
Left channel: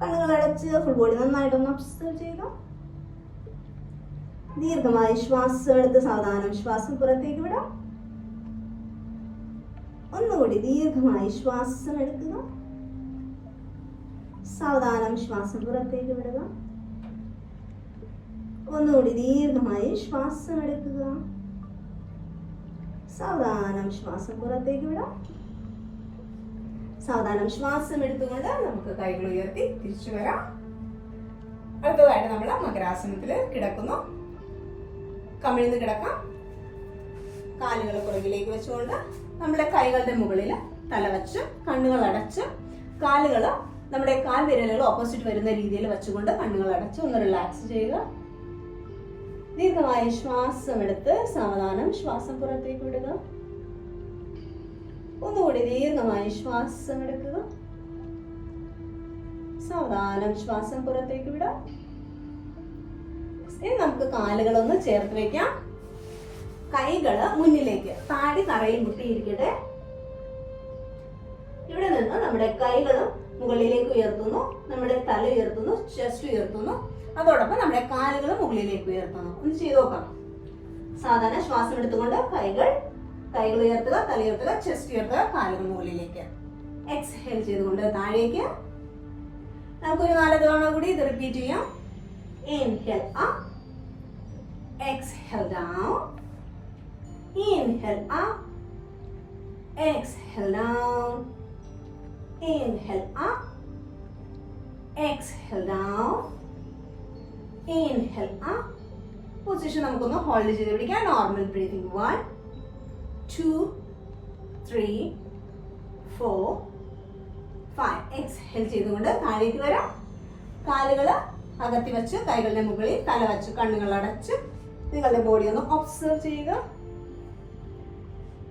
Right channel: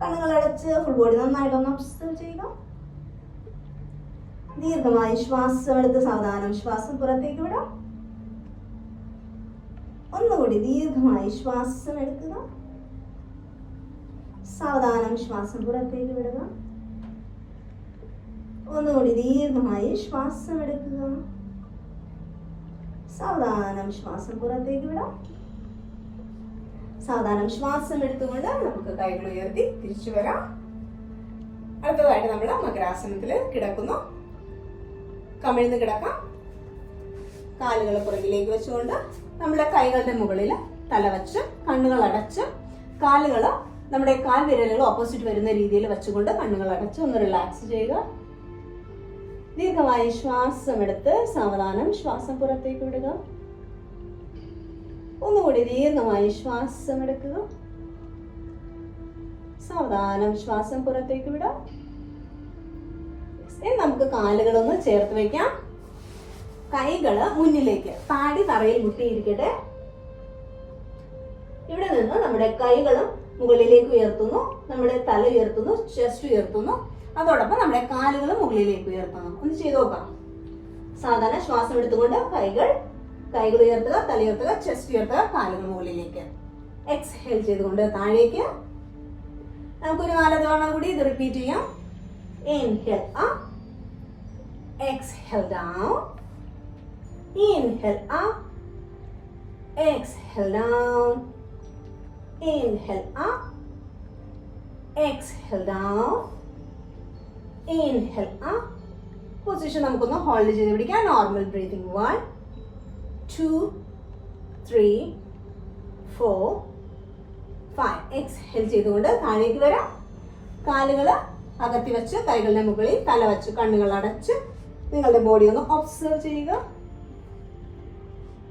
കണ്ണുകൾ അടച്ച് ഫുൾ ബോഡി നന്നായിട്ടൊന്ന് ഒബ്സർവ് ചെയ്യുക. ദീർഘമായി ശ്വാസം എടുത്ത് സാവധാനം ശ്വാസം പുറത്തേക്ക് വിടാം. ഒന്നുകൂടി ദീർഘമായി ശ്വാസം എടുക്കുക. സാവധാനം ശ്വാസം പുറത്തേക്ക് വിടുക. ഒന്നുകൂടി ദീർഘമായി ശ്വാസം എടുക്കുക. സാവധാനം ശ്വാസം പുറത്തേക്ക് വിടാം. സാവധാനം ശ്വാസം എടുത്തുകൊണ്ട് നമുക്ക് കൈകൾ ഉയർത്തി തിരിച്ചു വരാം. അടുത്തതായിട്ട് നമ്മൾ മകരാസനത്തിൽ കിടക്കുന്നു. കമിഴ്ന്ന് കിടക്കാം. കാലുകൾ പുറകിലേക്ക് വെച്ചുകൊണ്ട് നമ്മുടെ കൈകളുടെ മുകളിൽ തല വെച്ച് കണ്ണുകൾ അടച്ച് കാലുകൾ നമ്മുടെ കാൽ വിരലുകൾ ഓപ്പോസിറ്റ് വരുന്ന രീതിയിൽ വെച്ചുകൊണ്ട് കണ്ണുകൾ അടച്ച് ഒന്ന് റിലാക്സ് ചെയ്യുക. ദീർഘമായി ശ്വാസം എടുത്ത് സാവധാനം ശ്വാസം പുറത്തേക്ക് വിടുക. ഒന്നുകൂടി ദീർഘമായി ശ്വാസം എടുക്കുക. സാവധാനം ശ്വാസം പുറത്തേക്ക് വിടാം. നമുക്ക് കാലുകളൊന്ന് ചേർത്ത് വയ്ക്കാം. കൈകള് മുന്നിലേക്ക്, താടി തറയിൽ മുട്ടിയിരിക്കട്ടെ. ഇവിടെ നിന്ന് നമ്മുടെ കൈകളും മുകളിലേക്ക് ഉയർത്തുന്നു, നമ്മുടെ തല ഉയർത്തുന്നു, ചെസ്റ്റ് ഉയർത്തുന്നു. അതോടൊപ്പം നമ്മുടെ കാലുകൾ മുകളിലേക്ക് ഉയർത്തുന്നു. ഒന്ന് ചെയ്ത് നോക്കാം. സാധാരണ ശ്വാസം എടുത്തുകൊണ്ട് കൈകൾ ഉയർത്തുക, തല ഉയർത്തുക, ചെസ്റ്റ് ഉയർത്തുക, കാലുകൾ മുകളിലേക്ക്. എക്സ്ഹേൽ ചെയ്തുകൊണ്ട് താഴേക്ക്. നമുക്കൊരു 4 തവണ കൂടി ഇത് റിപ്പീറ്റ് ചെയ്യാം. Inhale up, exhale down, inhale up, exhale down, inhale up, exhale down, inhale up. Position നമുക്കൊന്ന് ഹോൾഡ് ചെയ്ത് പിടിക്കാം. Normal breathing 1 2 3 4 5. എക്സ്ഹേൽ ചെയ്തുകൊണ്ട് താഴേക്ക് വരാം. കാലുകൾ അകത്തി വെച്ച് കൈകളുടെ മുകളിൽ തല വെച്ച് കണ്ണുകൾ അടച്ച് നിങ്ങളുടെ ബോഡി ഒന്ന് ഒബ്സർവ് ചെയ്യുക.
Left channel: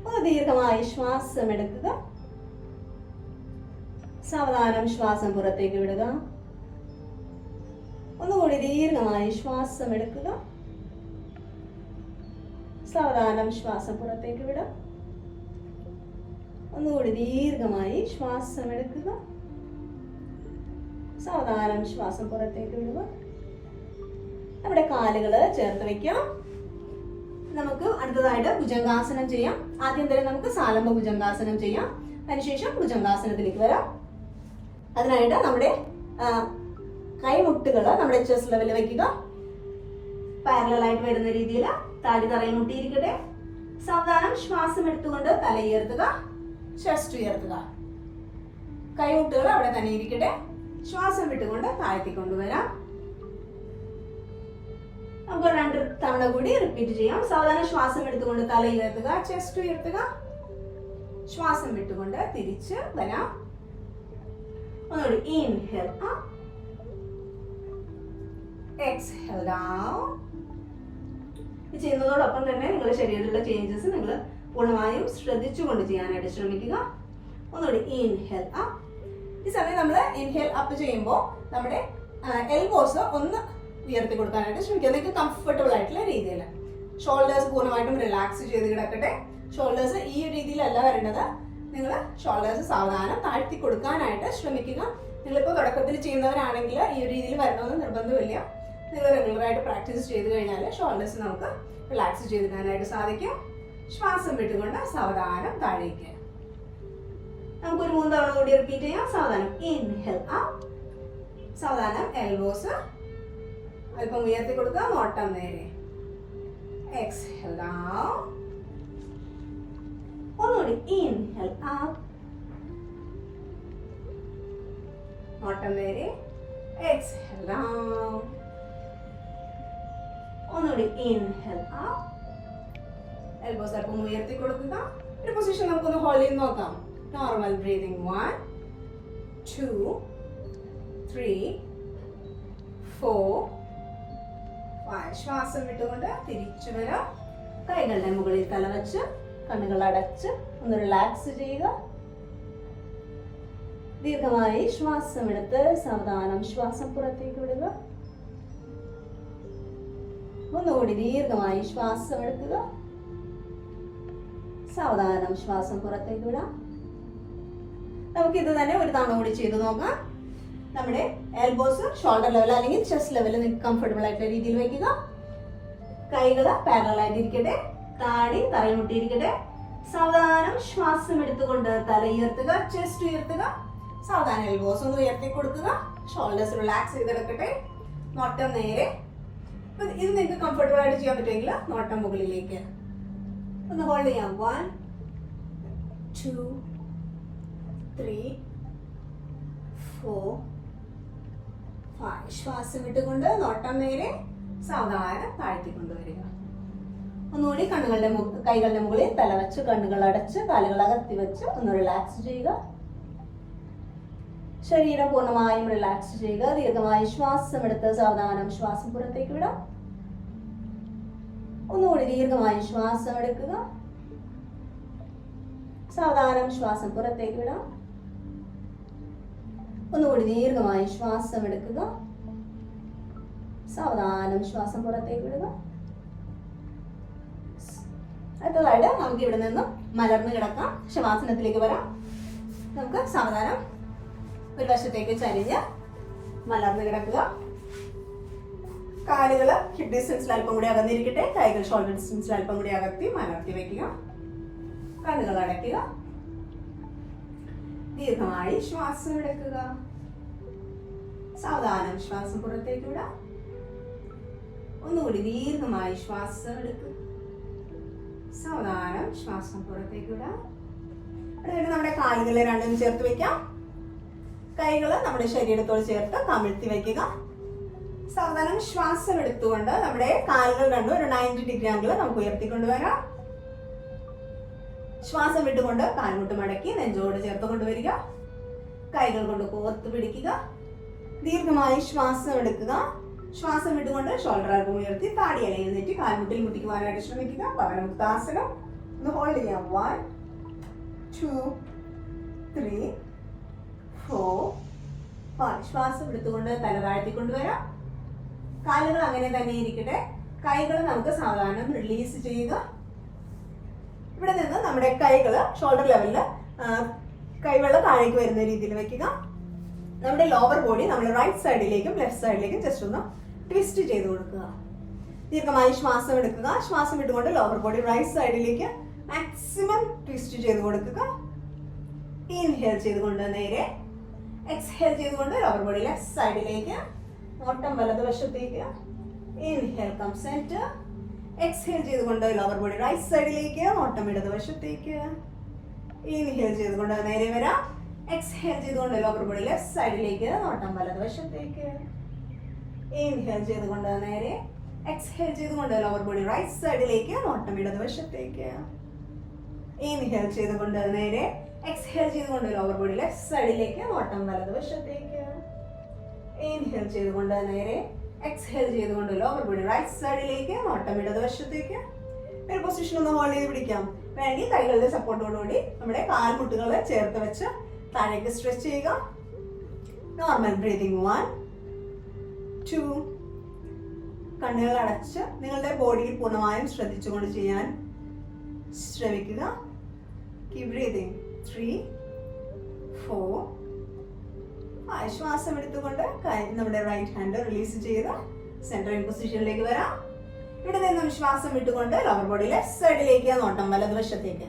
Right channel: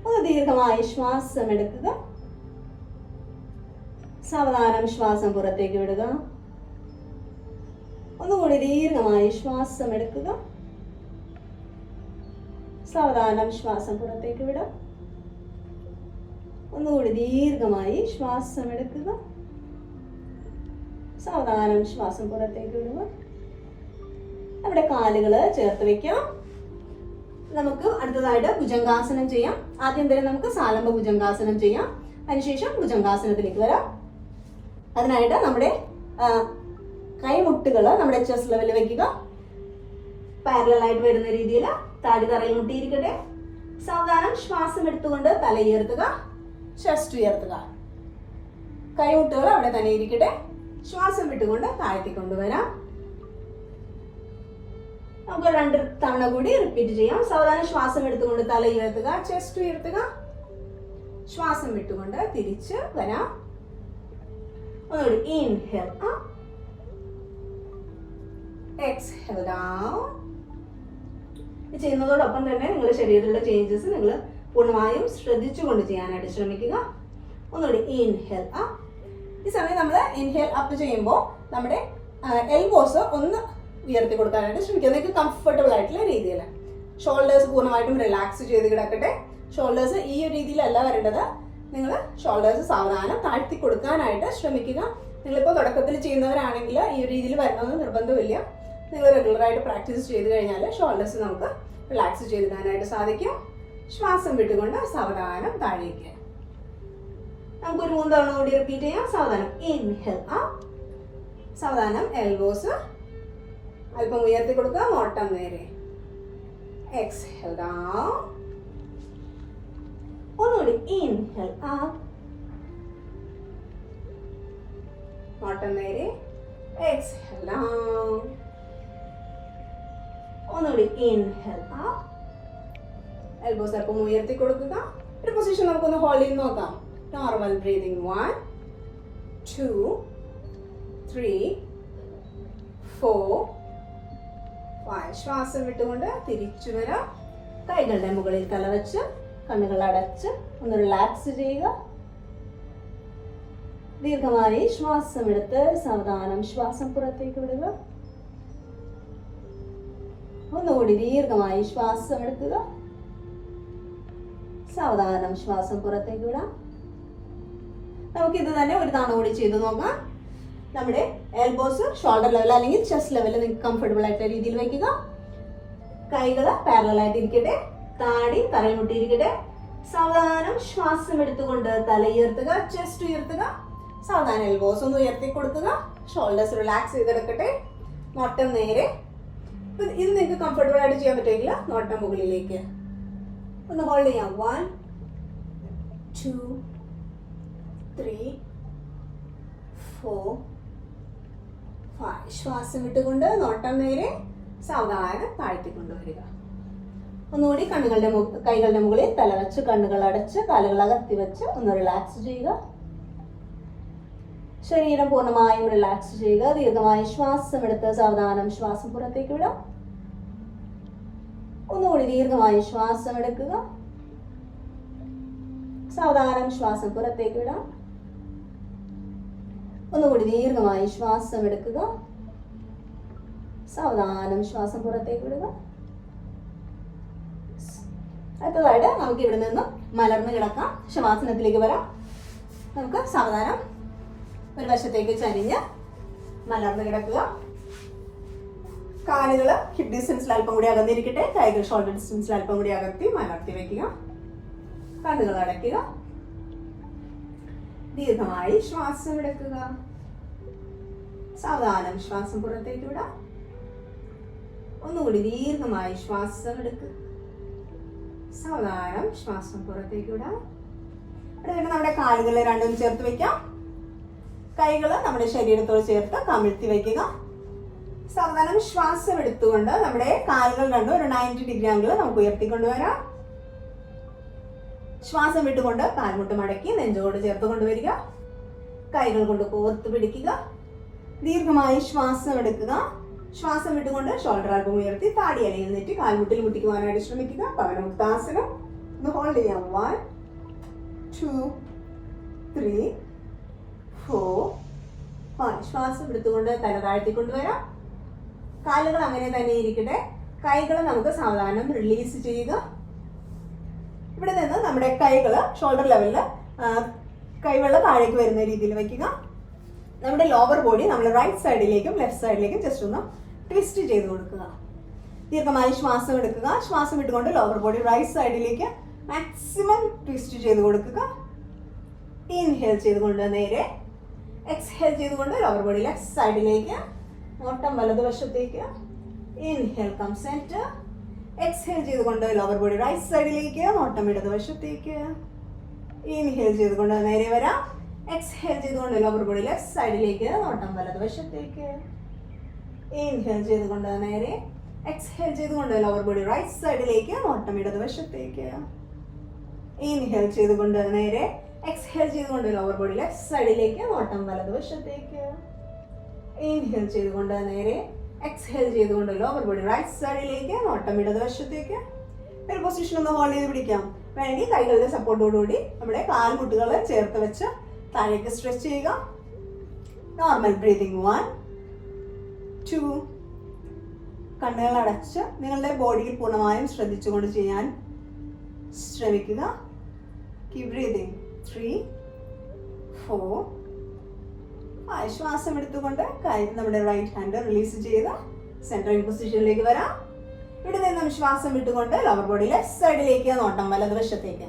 ഒന്ന് ദീർഘമായി ശ്വാസം എടുക്കുക. സാവധാനം ശ്വാസം പുറത്തേക്ക് വിടുക. ഒന്നുകൂടി ദീർഘമായി ശ്വാസം എടുക്കുക. സാവധാനം ശ്വാസം പുറത്തേക്ക് വിടാം. ഒന്നുകൂടി ദീർഘമായി ശ്വാസം എടുക്കുക. സാവധാനം ശ്വാസം പുറത്തേക്ക് വിടുക. നമ്മുടെ കാലുകൾ ചേർത്ത് വെക്കാം. നമുക്ക് അടുത്തതായിട്ട് ഭുജംഗാസനം ചെയ്യാം. ആദ്യം തന്നെ നമുക്ക് സാലംബ ഭുജംഗാസനം ചെയ്യാം. അതിനുശേഷം ഭുജംഗാസനത്തിലേക്ക് വരാം. അതിനായിട്ട് നമ്മുടെ കൈമുട്ടുകൾ നമ്മുടെ ചെസ്റ്റ് ലെവലിൽ വെക്കുക. പാരലൽ ആയിട്ട് വരുന്ന രീതിയിൽ താടി തറയിൽ മുട്ടിയിരിക്കട്ടെ. സാവധാനം ശ്വാസം എടുത്തുകൊണ്ട് തല ഉയർത്തുക, ചെസ്റ്റ് ഉയർത്തുക. കൈമുട്ടുകൾ അവിടെ തന്നെ ഇരിക്കട്ടെ. ശ്വാസം വിട്ടുകൊണ്ട് താഴ്ത്തിക്കൊണ്ടുവരാം. നമുക്ക് 2 തവണ കൂടി റിപ്പീറ്റ് ചെയ്യാം. സാവധാനം ശ്വാസം എടുത്തുകൊണ്ട് തല ഉയർത്തുക, ചെസ്റ്റ് ഉയർത്തുക. ശ്വാസം വിട്ടുകൊണ്ട് തിരിച്ച് വരാം. ഒന്നുകൂടി ഇൻഹേൽ അപ്പ്, എക്സ്ഹേൽ ഡൗൺ. ഇത് ചെയ്യുന്നതോടൊപ്പം തന്നെ നിങ്ങളുടെ ശരീരത്തിലുള്ള ചേഞ്ചസ് നിങ്ങൾ പൂർണ്ണമായും ശ്രദ്ധിച്ചുകൊണ്ട് ചെയ്യാനായിട്ട് ശ്രമിക്കുക. ഒന്നുകൂടി ഇൻഹേൽ അപ്പ്. ഈ സമയം നമ്മൾ ഇൻഹേൽ അപ്പ് ചെയ്യുമ്പോൾ നമ്മുടെ എൽബോസ് ഒന്ന് ഉയർത്തി കൊടുക്കാനായിട്ട് ശ്രമിക്കുക. നിങ്ങൾക്ക് കംഫർട്ടബിൾ ആയിട്ടുള്ള രീതിയിൽ. ഷോൾഡേഴ്സ് പൂർണ്ണമായിട്ടും റിലാക്സ് ചെയ്ത് കിടക്കട്ടെ. ഷോൾഡേഴ്സ് ഈ ഒരു രീതിയിലല്ല വരേണ്ടത്. നിങ്ങൾ ഷോൾഡേഴ്സ് സാവധാനം താഴ്ത്തി കൊടുക്കാനായിട്ട് ശ്രമിക്കുക. നിങ്ങളിപ്പോൾ തുടക്കത്തിൽ ചെയ്യുന്നവരാണെങ്കിൽ ഈ ഒരു രീതിയിൽ വരണമെന്ന് നിർബന്ധമില്ല. നിങ്ങൾ റെഗുലറായിട്ട് പ്രാക്ടീസ് ചെയ്ത് കഴിഞ്ഞാൽ ഷോൾഡേഴ്സ് നമുക്ക് റിലാക്സ് ചെയ്തിടാനായിട്ട് സാധിക്കും. ശ്വാസം വിട്ടുകൊണ്ട് സാവധാനം താഴേക്ക്. നമുക്കൊരു 3 തവണ കൂടി റിപ്പീറ്റ് ചെയ്യാം. സാവധാനം ഇൻഹേൽ അപ്പ്. സാവധാനം എൽബോസ് അല്പം ഉയർത്തി കൊടുക്കുക, നോട്ടം നേരെ. Exhale down. ഒന്നുകൂടി ഇൻഹേൽ അപ്പ്, നോട്ടം നേരെ. Exhale down. ഒന്നുകൂടി ഇൻഹേൽ അപ്പ്, എൽബോസ് അല്പം ഉയർത്തി കൊടുക്കുക. ഒരു പൊസിഷൻ നമുക്കൊന്ന് ഹോൾഡ് ചെയ്ത് നോക്കാം. Normal breathing. 1 2 3 4 5. ശ്വാസം വിട്ടുകൊണ്ട് തിരിച്ചു വരാം. കൈകളുടെ മുകളിൽ തല വെച്ച് കണ്ണുകൾ അടച്ച് ഒന്ന് റിലാക്സ് ചെയ്യുക. ദീർഘമായി ശ്വാസം എടുത്ത് സാവധാനം ശ്വാസം പുറത്തേക്ക് വിടുക. ഒന്നുകൂടി ദീർഘമായി ശ്വാസം എടുക്കുക. സാവധാനം ശ്വാസം പുറത്തേക്ക് വിടാം. നമുക്ക് ഇത് തന്നെ ഒരു തവണ കൂടി ചെയ്ത് നോക്കാം. നമ്മുടെ എൽബോസ് ഷോൾഡർ ലെവൽ അല്ലെങ്കിൽ ചെസ്റ്റ് ലെവലിൽ നിങ്ങൾക്ക് കംഫർട്ടബിൾ ആയിട്ടുള്ള രീതിയിൽ വയ്ക്കുക. കൈകൾ പാരലൽ ആയിട്ട് ഇരിക്കട്ടെ. താടി തറയിൽ മുട്ടിയിരിക്കട്ടെ. സാവധാനം ശ്വാസം എടുത്തുകൊണ്ട് തല ഉയർത്തുക, ചെസ്റ്റ് ഉയർത്തുക. സാവധാനം എൽബോസ് ഒന്ന് ഉയർത്തി കൊടുക്കുക. ഷോൾഡേഴ്സ് റിലാക്സ് ചെയ്തെടുക്കട്ടെ. നോട്ടം നേരെ. ഇത് നിങ്ങൾക്ക് കംഫർട്ടബിൾ ആയിട്ട് ചെയ്യാൻ പറ്റുമെങ്കിൽ നോട്ടം മുകളിലേക്ക് ഒന്ന് ഹോൾഡ് ചെയ്യാം. 1 2 3 4 5. ശ്വാസം വിട്ടുകൊണ്ട് നോട്ടം നേരെ സാവധാനം താഴ്ത്തിക്കൊണ്ടുവരിക. ഒന്നുകൂടി കൈകളുടെ മുകളിൽ തല വെച്ച് കണ്ണുകൾ അടച്ച് കാലുകൾ അകത്തി വെച്ച് ഒന്ന് റിലാക്സ് ചെയ്യുക. ശരീരം പൂർണ്ണമായും റിലാക്സ് ചെയ്യുക. ദീർഘമായി ശ്വാസം എടുത്ത് സാവധാനം ശ്വാസം പുറത്തേക്ക് വിടാം. ഒന്നുകൂടി ദീർഘമായി ശ്വാസം എടുക്കുക. സാവധാനം ശ്വാസം പുറത്തേക്ക് വിടാം. ഒന്നുകൂടി ദീർഘമായി ശ്വാസം എടുക്കുക. സാവധാനം ശ്വാസം പുറത്തേക്ക് വിടുക. അടുത്തതായിട്ട് നമുക്ക് ഇവിടെ നിന്ന് മലർന്ന് കിടക്കാം. ശവാസനത്തിലേക്ക് വരാം. നമുക്ക് സാവധാനം ഒരു വശത്തേക്ക് ചരിഞ്ഞ് മലർന്ന് കിടക്കുക. കാലുകൾ ഹിപ്പ് ഡിസ്റ്റൻസിൽ അല്പം കൂടി അകന്നിരിക്കട്ടെ. കൈകൾ ഷോൾഡർ ഡിസ്റ്റൻസിൽ അല്പം കൂടി അകത്തി മലർത്തി വെക്കുക. കണ്ണുകൾ അടയ്ക്കുക. ദീർഘമായി ശ്വാസം എടുക്കുക. സാവധാനം ശ്വാസം പുറത്തേക്ക് വിടാം. ഒന്നുകൂടി ദീർഘമായി ശ്വാസം എടുക്കുക. സാവധാനം ശ്വാസം പുറത്തേക്ക് വിടാം. ഇവിടെ നമ്മുടെ കാലുകളെ രണ്ടും ചേർത്ത് വെക്കാം. കൈകൾ നമ്മുടെ ശരീരത്തോട് ചേർത്ത് കമിഴ്ത്തി വെക്കുക. സാവധാനം ശ്വാസം എടുത്തുകൊണ്ട് നമ്മുടെ കാലുകൾ രണ്ടും ഒരു 90 ഡിഗ്രി ആംഗിൾ നമുക്ക് ഉയർത്തിക്കൊണ്ടുവരാം. ശ്വാസം വിട്ടുകൊണ്ട് കാൽമുട്ട് മടക്കി നെഞ്ചോട് ചേർത്ത് കൊണ്ടുവരിക. കൈകൾ കൊണ്ട് കോർത്ത് പിടിക്കുക. ദീർഘമായി ശ്വാസം എടുക്കുക. ശ്വാസം വിട്ടുകൊണ്ട് ഷോൾഡർ അല്പം ഉയർത്തി താടി അലയിൽ നെറ്റി കാൽമുട്ടിൽ മുട്ടിക്കുവാനായിട്ട് ശ്രമിക്കുക. പവനമുക്താസനം. ഒന്ന് ഹോൾഡ് ചെയ്യാം. 1 2 3 4 5. ശ്വാസം എടുത്തുകൊണ്ട് തല താഴ്ത്തിക്കൊണ്ടുവരാം. കാലുകൾ അങ്ങനെ തന്നെ ഇരിക്കട്ടെ. കൈകൾ നമുക്ക് സാവധാനം റിലീസ് ചെയ്യുക. ഇവിടെ നിന്ന് നമ്മുടെ കൈകൾ ഷോൾഡർ ലെവലിൽ കൈവെള്ള താഴേക്ക് വരുന്ന രീതിയിൽ വെക്കുക. നമ്മുടെ ലോവർ ബോഡി നമ്മൾ റൈറ്റ് സൈഡിലേക്കും ലെഫ്റ്റ് സൈഡിലേക്കും ജസ്റ്റ് ഒന്ന് ട്വിസ്റ്റ് ചെയ്ത് കൊടുക്കുക. ദീർഘമായി ശ്വാസം എടുക്കുക. ശ്വാസം വിട്ടുകൊണ്ട് ലോവർ ബോഡി റൈറ്റ് സൈഡിലേക്ക് മാക്സിമം ട്വിസ്റ്റ് ചെയ്ത് കൊടുക്കുക. ഇൻഹേൽ ചെയ്തുകൊണ്ട് നേരെ, എക്സ്ഹേൽ ചെയ്തുകൊണ്ട് ലോവർ ബോഡി ലെഫ്റ്റ് സൈഡിലേക്ക്, നോട്ടം വലതുവശത്തേക്ക്. ഇൻഹേൽ കം സെന്റർ, എക്സ്ഹേൽ ചെയ്തുകൊണ്ട് ലോവർ ബോഡി റൈറ്റ് സൈഡിലേക്ക്, നോട്ടം ഇടതുവശത്തേക്ക്. ഇൻഹേൽ ചെയ്തുകൊണ്ട് നേരെ വരാം, എക്സ്ഹേൽ ചെയ്തുകൊണ്ട് ലോവർ ബോഡി ലെഫ്റ്റ് സൈഡിലേക്ക്, നോട്ടം വലതുവശത്തേക്ക്. ഇൻഹേൽ ചെയ്തുകൊണ്ട് നേരെ, എക്സ്ഹേൽ ചെയ്തുകൊണ്ട് ലോവർ ബോഡി റൈറ്റ് സൈഡിലേക്ക്, നോട്ടം ഇടതുവശത്തേക്ക്. ഇൻഹേൽ ചെയ്തുകൊണ്ട് നേരെ, എക്സ്ഹേൽ ചെയ്തുകൊണ്ട് ലോവർ ബോഡി ലെഫ്റ്റ് സൈഡിലേക്ക്, നോട്ടം വലതുവശത്തേക്ക്. ഇൻഹേൽ ചെയ്തുകൊണ്ട് നേരെ, എക്സ്ഹേൽ ചെയ്തുകൊണ്ട് ലോവർ ബോഡി റൈറ്റ് സൈഡിലേക്ക്, നോട്ടം ഇടതുവശത്തേക്ക്. ഒരു പൊസിഷൻ ഒന്ന് ഹോൾഡ് ചെയ്ത് പിടിക്കാം. വേണ്ടി കൈകളുടെ സപ്പോർട്ടോടുകൂടി നമ്മുടെ കാൽമുട്ടുകൾ ചേർത്ത് വെച്ച് താഴേക്ക് സ്ട്രെച്ച് ചെയ്യുക. Normal breathing. 1 2. കണ്ണുകൾ അടച്ച് നിങ്ങളുടെ ബോഡിയിൽ പൂർണ്ണമായും ശ്രദ്ധിച്ചുകൊണ്ട് ചെയ്യാൻ ശ്രമിക്കുക. Keep breathing. 3 4 5. ശ്വാസം എടുത്തുകൊണ്ട് കൈ നമ്മുടെ റൈറ്റ് ഹാൻഡ് റിലീസ് ചെയ്ത് സെൻട്രൽ പൊസിഷനിലേക്ക് വരാം. ഇവിടെ നിന്നും ശ്വാസം വിട്ടുകൊണ്ട് ലോവർ ബോഡി ലെഫ്റ്റ് സൈഡിലേക്ക്, നോട്ടം വലതുവശത്തേക്ക്.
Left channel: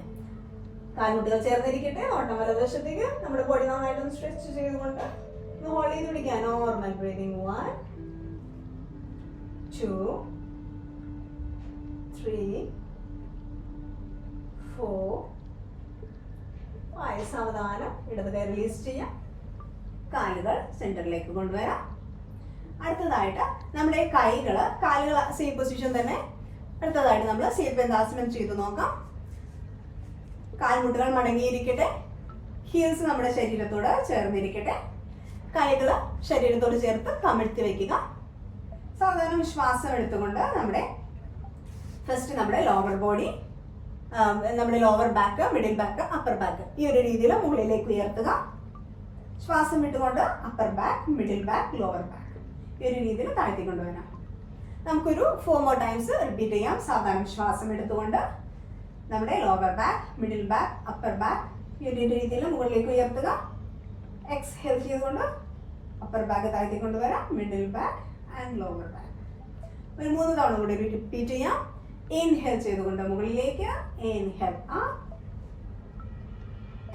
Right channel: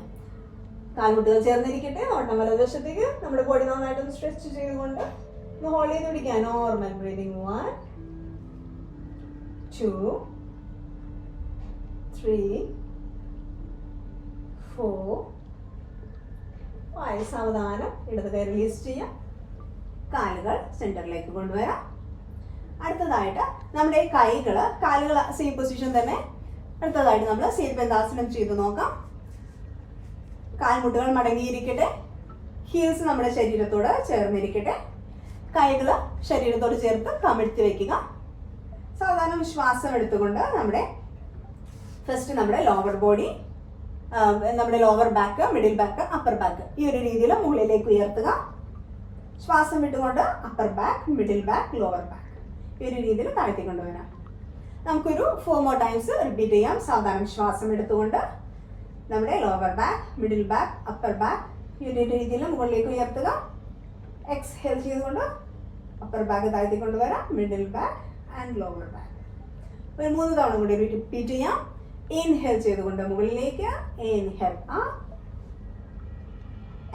കാൽമുട്ടുകൾ ചേർന്നിരിക്കട്ടെ. നോട്ടം വലതുവശത്തേക്ക്. നമ്മുടെ ബോഡി നന്നായിട്ടൊന്ന് സ്ട്രെച്ച് ചെയ്തുകൊണ്ട് ഹോൾഡ് ചെയ്ത് പിടിക്കാം. Normal breathing. 1 2 3 4 5. സാവധാനം ഇടത് കൈ റിലീസ് ചെയ്യാം. കാലുകൾ സെന്ററിലേക്ക് കൊണ്ടുവരാം. അടുത്തതായിട്ട് നമ്മുടെ കാലുകൾ സെയിം പൊസിഷൻ തന്നെ. അടുത്തതായിട്ട് നമ്മൾ സേതുബന്ധാസനം ചെയ്ത് നോക്കാം. കാൽമുട്ടുകൾ മടങ്ങിയിരിക്കട്ടെ. ഹീൽസ് നമ്മുടെ ശരീരത്തോട് ചേർന്നിരിക്കട്ടെ. കൈകൾ ശരീരത്തോട് ചേർത്ത് കമിഴ്ത്തി വയ്ക്കുക. സാധാരണ ശ്വാസം എടുത്തുകൊണ്ട് നമ്മുടെ ലോവർ ബോഡി, നമ്മുടെ lower back, middle back, upper back ഈ ഒരു രീതിയിൽ മുകളിലേക്ക് ഉയർത്തുക. ശ്വാസം വിട്ടുകൊണ്ട് upper back, middle back, lower back ഈ ഒരു രീതിയിൽ താഴ്ത്തിക്കൊണ്ടുവരാം. നമുക്കൊരു 4 more times റിപ്പീറ്റ് ചെയ്യാം. സാധാരണ ശ്വാസം എടുത്തുകൊണ്ട് നമ്മുടെ lower back, middle back, upper back ഈ ഒരു രീതിയിൽ മുകളിലേക്ക് ഉയർത്തുക. എക്സ്ഹേൽ ചെയ്തുകൊണ്ട് അപ്പർ ബാക്ക് താഴ്ത്തിക്കൊണ്ടുവരാം, middle back and lower back. ഒരു 3 തവണ കൂടി റിപ്പീറ്റ് ചെയ്യാം. ഇൻഹേൽ ചെയ്തുകൊണ്ട് മുകളിലേക്ക്, ഇൻഹേൽ അപ്പ്,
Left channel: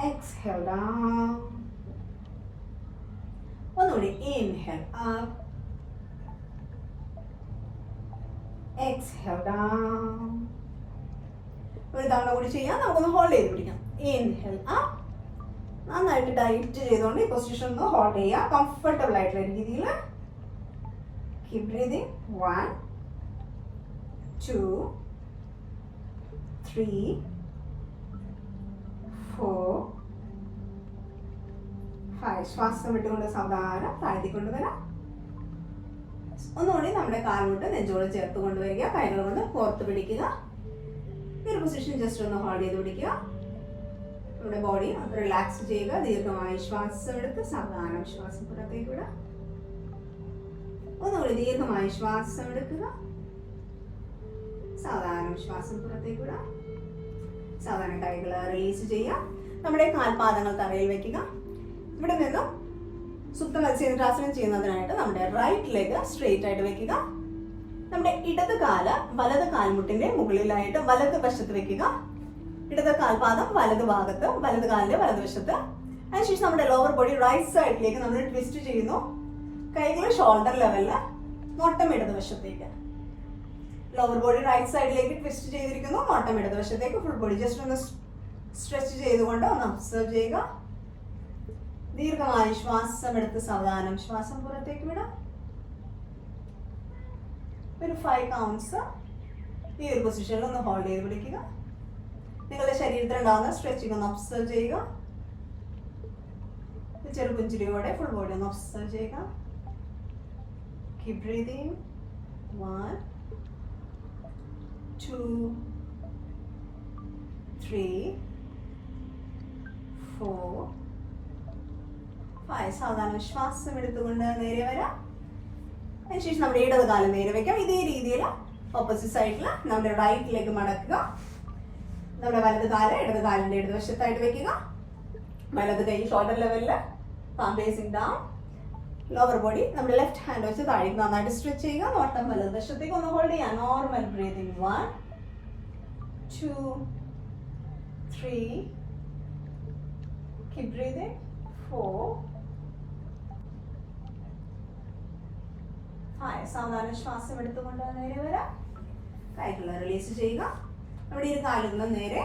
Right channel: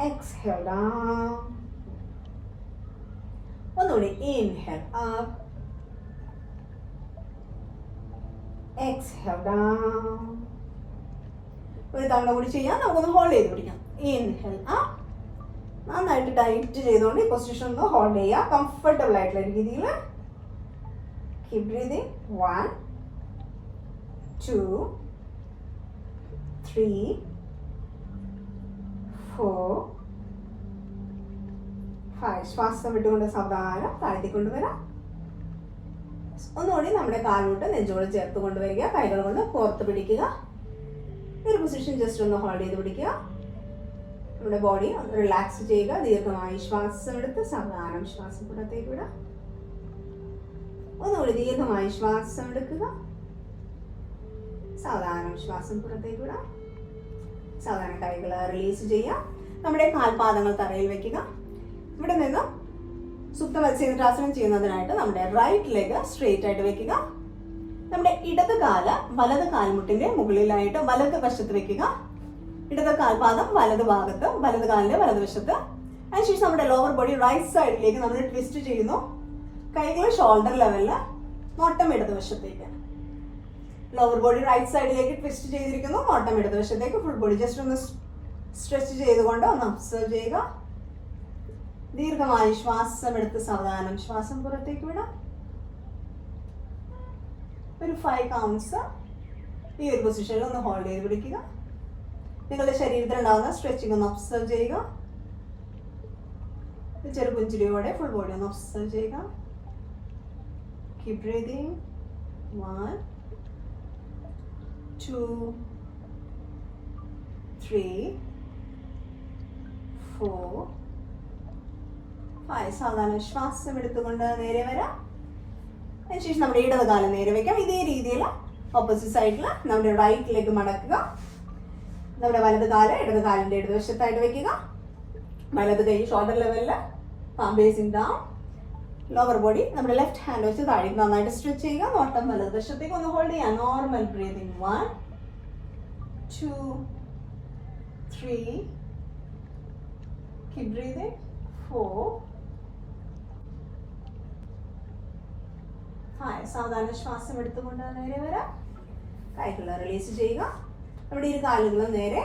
എക്സ്ഹേൽ ഡൗൺ. ഒന്നുകൂടി ഇൻഹേൽ അപ്പ്, എക്സ്ഹേൽ ഡൗൺ. ഒരു തവണ കൂടി ചെയ്യാം. നമുക്കൊന്ന് ഹോൾഡ് ചെയ്ത് പിടിക്കാം. ഇൻഹേൽ അപ്പ്, നന്നായിട്ട് ടൈറ്റ് ചെയ്തുകൊണ്ട് ഈ പൊസിഷൻ ഒന്ന് ഹോൾഡ് ചെയ്യുക. കംഫർട്ടബിൾ ആയിട്ടുള്ള രീതിയിൽ. Keep breathing. 1 2 3 4 5. ശ്വാസം വിട്ടുകൊണ്ട് സാവധാനം താഴ്ത്തിക്കൊണ്ടുവരാം. ഒന്നുകൂടി നമ്മുടെ കാൽമുട്ട് നെഞ്ചോട് ചേർത്ത് കൊണ്ടുവരിക. കൈകൾ കൊണ്ട് പുറത്ത് പിടിക്കുക. ഈ ഒരു പൊസിഷൻ ജസ്റ്റ് ഒന്ന് ഹോൾഡ് ചെയ്ത് പിടിക്കുക. നമ്മുടെ ബോഡി ഒന്ന് റിലാക്സ് ചെയ്യുക. ദീർഘമായി ശ്വാസം എടുത്ത് സാവധാനം ശ്വാസം പുറത്തേക്ക് വിടുക. ഒന്നുകൂടി ദീർഘമായി ശ്വാസം എടുക്കുക. സാവധാനം ശ്വാസം പുറത്തേക്ക് വിടുക. സാധാരണ കൈകൾ റിലീസ് ചെയ്യുക. നമ്മുടെ കാൽപാദങ്ങൾ തറയിൽ വെക്കുക. ഇവിടെ നിന്ന് സുപ്ത മത്സ്യേന്ദ്രാസനം ചെയ്യുന്നതിനായിട്ട് നമ്മുടെ റൈറ്റ് ലെഗ് സ്ട്രെയിറ്റ് ആയിട്ട് വെക്കുക. നമ്മുടെ ഇടത് കാല് വലത് കാൽമുട്ടിന്റെ മുകളിലായിട്ട് വലത് വശത്ത് വെക്കുക. ഇടത് കാൽപാദം വലത് ഭാഗത്ത്, വലത് കാലിന്റെ വലതുവശത്ത്. അതിനുശേഷം നമ്മുടെ ലോവർ ബോഡി റൈറ്റ് സൈഡിലേക്ക് നമ്മൾ ട്വിസ്റ്റ് ചെയ്യുന്നു. കൈകൾ ഷോൾഡർ ലെവലില്, നോട്ടം ഇടതുവശത്തേക്ക്. ലോവർ ബോഡി റൈറ്റ് സൈഡിലേക്ക് ട്വിസ്റ്റ് ചെയ്തിരിക്കുന്നു. നോട്ടം ഇടതുവശത്തേക്ക്. ഫുൾ ബോഡി ജസ്റ്റ് ഒന്ന് സ്ട്രെച്ച് ചെയ്തുകൊണ്ട് ഒന്ന് ഒബ്സർവ് ചെയ്യുക. ദീർഘമായി ശ്വാസം എടുത്ത് സാവധാനം ശ്വാസം പുറത്തേക്ക് വിടാം. ഒരു 5 കൗണ്ട്സ് ഈ ഒരു പൊസിഷനിൽ ഒന്ന് ഹോൾഡ് ചെയ്ത് പിടിക്കുക. നിങ്ങളുടെ ശരീരത്തിൽ ഉണ്ടാകുന്ന സ്ട്രെച്ചിങ് ഒന്ന് ഒബ്സർവ് ചെയ്യുക. ചെറു പുഞ്ചിരിയോടെ ഫുൾ ബോഡി ഒന്ന് ഒബ്സർവ് ചെയ്യുക. Keep breathing. 1 2 3 4 5. സാധാരണ ശ്വാസം എടുത്തുകൊണ്ട് നേരെ വരാം. അതിനുശേഷം നമ്മുടെ ഇടത് കാലം നേരെ വയ്ക്കാം. ഇതേ രീതിയിൽ ഓപ്പോസിറ്റ് സൈഡിൽ നമ്മുടെ റൈറ്റിലേക്ക് മടക്കുക. നമ്മുടെ വലത് കാല് ഇടത് കാലിന്റെ ഇടതുവശത്തായിട്ട് വെക്കുക. വലത് കൈ ഷോൾഡർ ലെവലിൽ, palm basin down. Lower body നമ്മുടെ ലെഫ്റ്റ് ഹാൻഡ് വെച്ച് താഴേക്ക് നന്നായിട്ട് സ്ട്രെച്ച് ചെയ്യുക. നോട്ടം വലതുവശത്തേക്ക് ഒന്ന് ഹോൾഡ് ചെയ്യുക. Normal breathing. 1 2 3. Keep breathing. 4 5. സാധാരണ ശ്വാസം എടുത്തുകൊണ്ട് നേരെ വരാം. കൈകൾ റിലീസ് ചെയ്യുക. നമ്മുടെ ഈ കാലുകൾ നേരെ,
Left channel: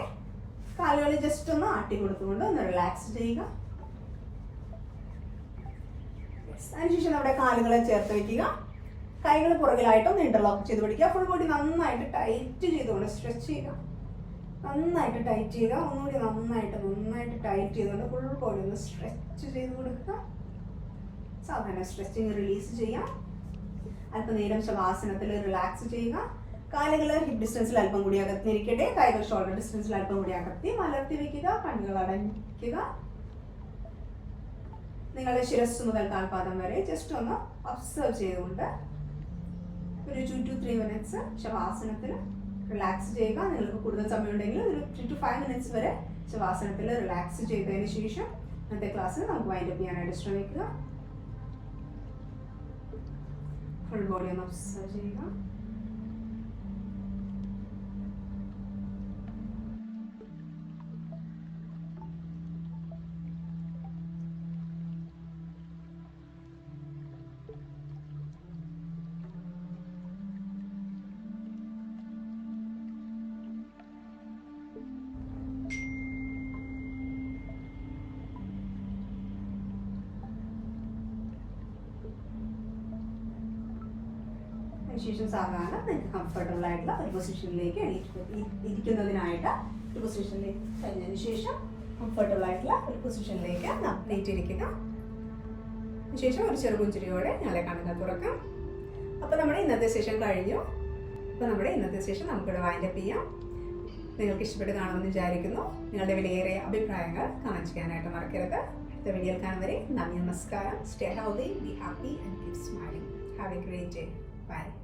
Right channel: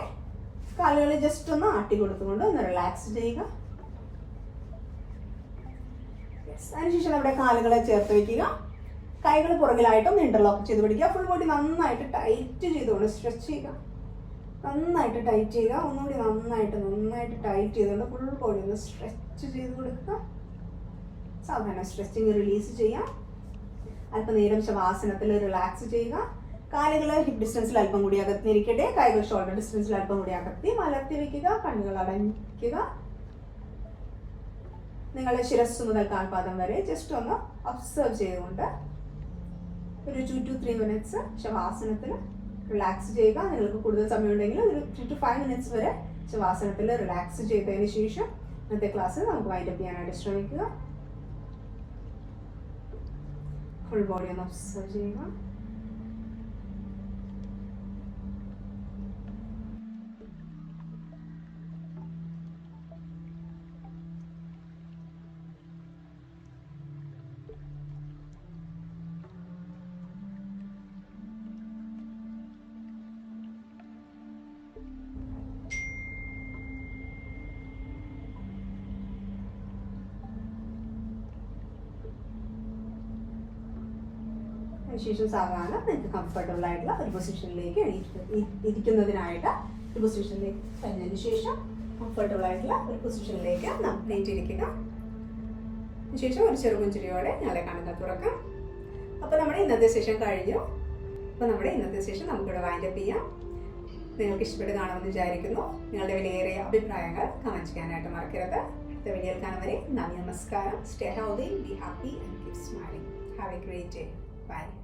കാലുകൾ ജസ്റ്റ് ഒന്ന് ആട്ടി കൊടുത്തുകൊണ്ട് ഒന്ന് റിലാക്സ് ചെയ്യുക. അതിനുശേഷം നമ്മുടെ കാലുകളെ ചേർത്ത് വയ്ക്കുക. കൈകൾ പുറകിലായിട്ടും ഇന്റർലോക്ക് ചെയ്ത് പിടിക്കുക. ഫുൾ ബോഡി നന്നായിട്ട് ടൈറ്റ് ചെയ്തുകൊണ്ട് സ്ട്രെച്ച് ചെയ്യുക. നന്നായിട്ട് ടൈറ്റ് ചെയ്യുക. ഒന്നുകൂടി നന്നായിട്ട് ടൈറ്റ് ചെയ്തുകൊണ്ട് ഫുൾ ബോഡി ഒന്ന് സ്ട്രെച്ച് ചെയ്ത് കൊടുക്കുക. സാധാരണ സ്ട്രെച്ചിങ് റിലീസ് ചെയ്യാം. അല്പനേരം ശവാസനത്തിൽ റിലാക്സ് ചെയ്യുക. കാലുകൾ ഹിപ്പ് ഡിസ്റ്റൻസിൽ അല്പം കൂടി അകത്തിരിക്കട്ടെ. കൈകൾ ഷോൾഡർ ഡിസ്റ്റൻസിൽ അല്പം കൂടി അകത്തി മലർത്തി വയ്ക്കുക. കണ്ണുകൾ അടയ്ക്കുക. നിങ്ങളുടെ ശിരസ് മുതൽ കാൽപാദം വരെ ജസ്റ്റ് ഒന്ന് ഒബ്സർവ് ചെയ്തുകൊണ്ട് ഒരു 2 to 3 minutes ശവാസനത്തിൽ റിലാക്സ് ചെയ്യുക. നിങ്ങൾക്ക് കൂടുതൽ സമയമുണ്ടെങ്കിൽ ഒരു 3 to 5 minutes വരെ ശവാസനത്തിൽ റിലാക്സ് ചെയ്തതിന് ശേഷം ഇന്നത്തെ ക്ലാസ്സിൽ നമുക്ക് വൈൻഡപ്പ് ചെയ്യാനായിട്ട് ശ്രമിക്കുക. ഫുൾ ബോഡി ഒന്ന് ഒബ്സർവ് ചെയ്യുക. അതിനുശേഷം സാധാരണ നിങ്ങൾക്ക് കംഫർട്ടബിൾ ആയിട്ടുള്ള ഒരു പൊസിഷനിലേക്ക് ഇരിക്കുന്നതിനായിട്ട് ഒരു പൊസിഷനിലേക്ക് കഴിഞ്ഞതിന് ശേഷം കംഫർട്ടബിൾ ആയിട്ടുള്ള ഒരു പൊസിഷനിലേക്ക് നമുക്ക് നീറ്റിരിക്കുക. അതിനുശേഷം ഒരു ചെറുപുഞ്ചിരിയോടെ ഞങ്ങളെ കണ്ണുകൾ തുറക്കാം. അപ്പോൾ നമ്മുടെ ഇന്നത്തെ സെഷൻ കഴിഞ്ഞു. അപ്പോൾ നമ്മുടെ ഇന്നത്തെ സെഷൻ നമുക്കിവിടെ വൈൻഡപ്പ് ചെയ്യാം. നിങ്ങൾക്ക് ഇഷ്ടപ്പെട്ട് കാണുമെന്ന് വിചാരിക്കുന്നു. നിങ്ങളുടെ വിലയേറിയ അഭിപ്രായങ്ങൾ കമൻറ്റ് ചെയ്യാനായിട്ട് മറക്കരുത്. അടുത്ത വീഡിയോയിൽ കാണും വരെ നന്ദി, നമസ്കാരം. Stay healthy, be happy and keep smiling. Have A great day. Bye.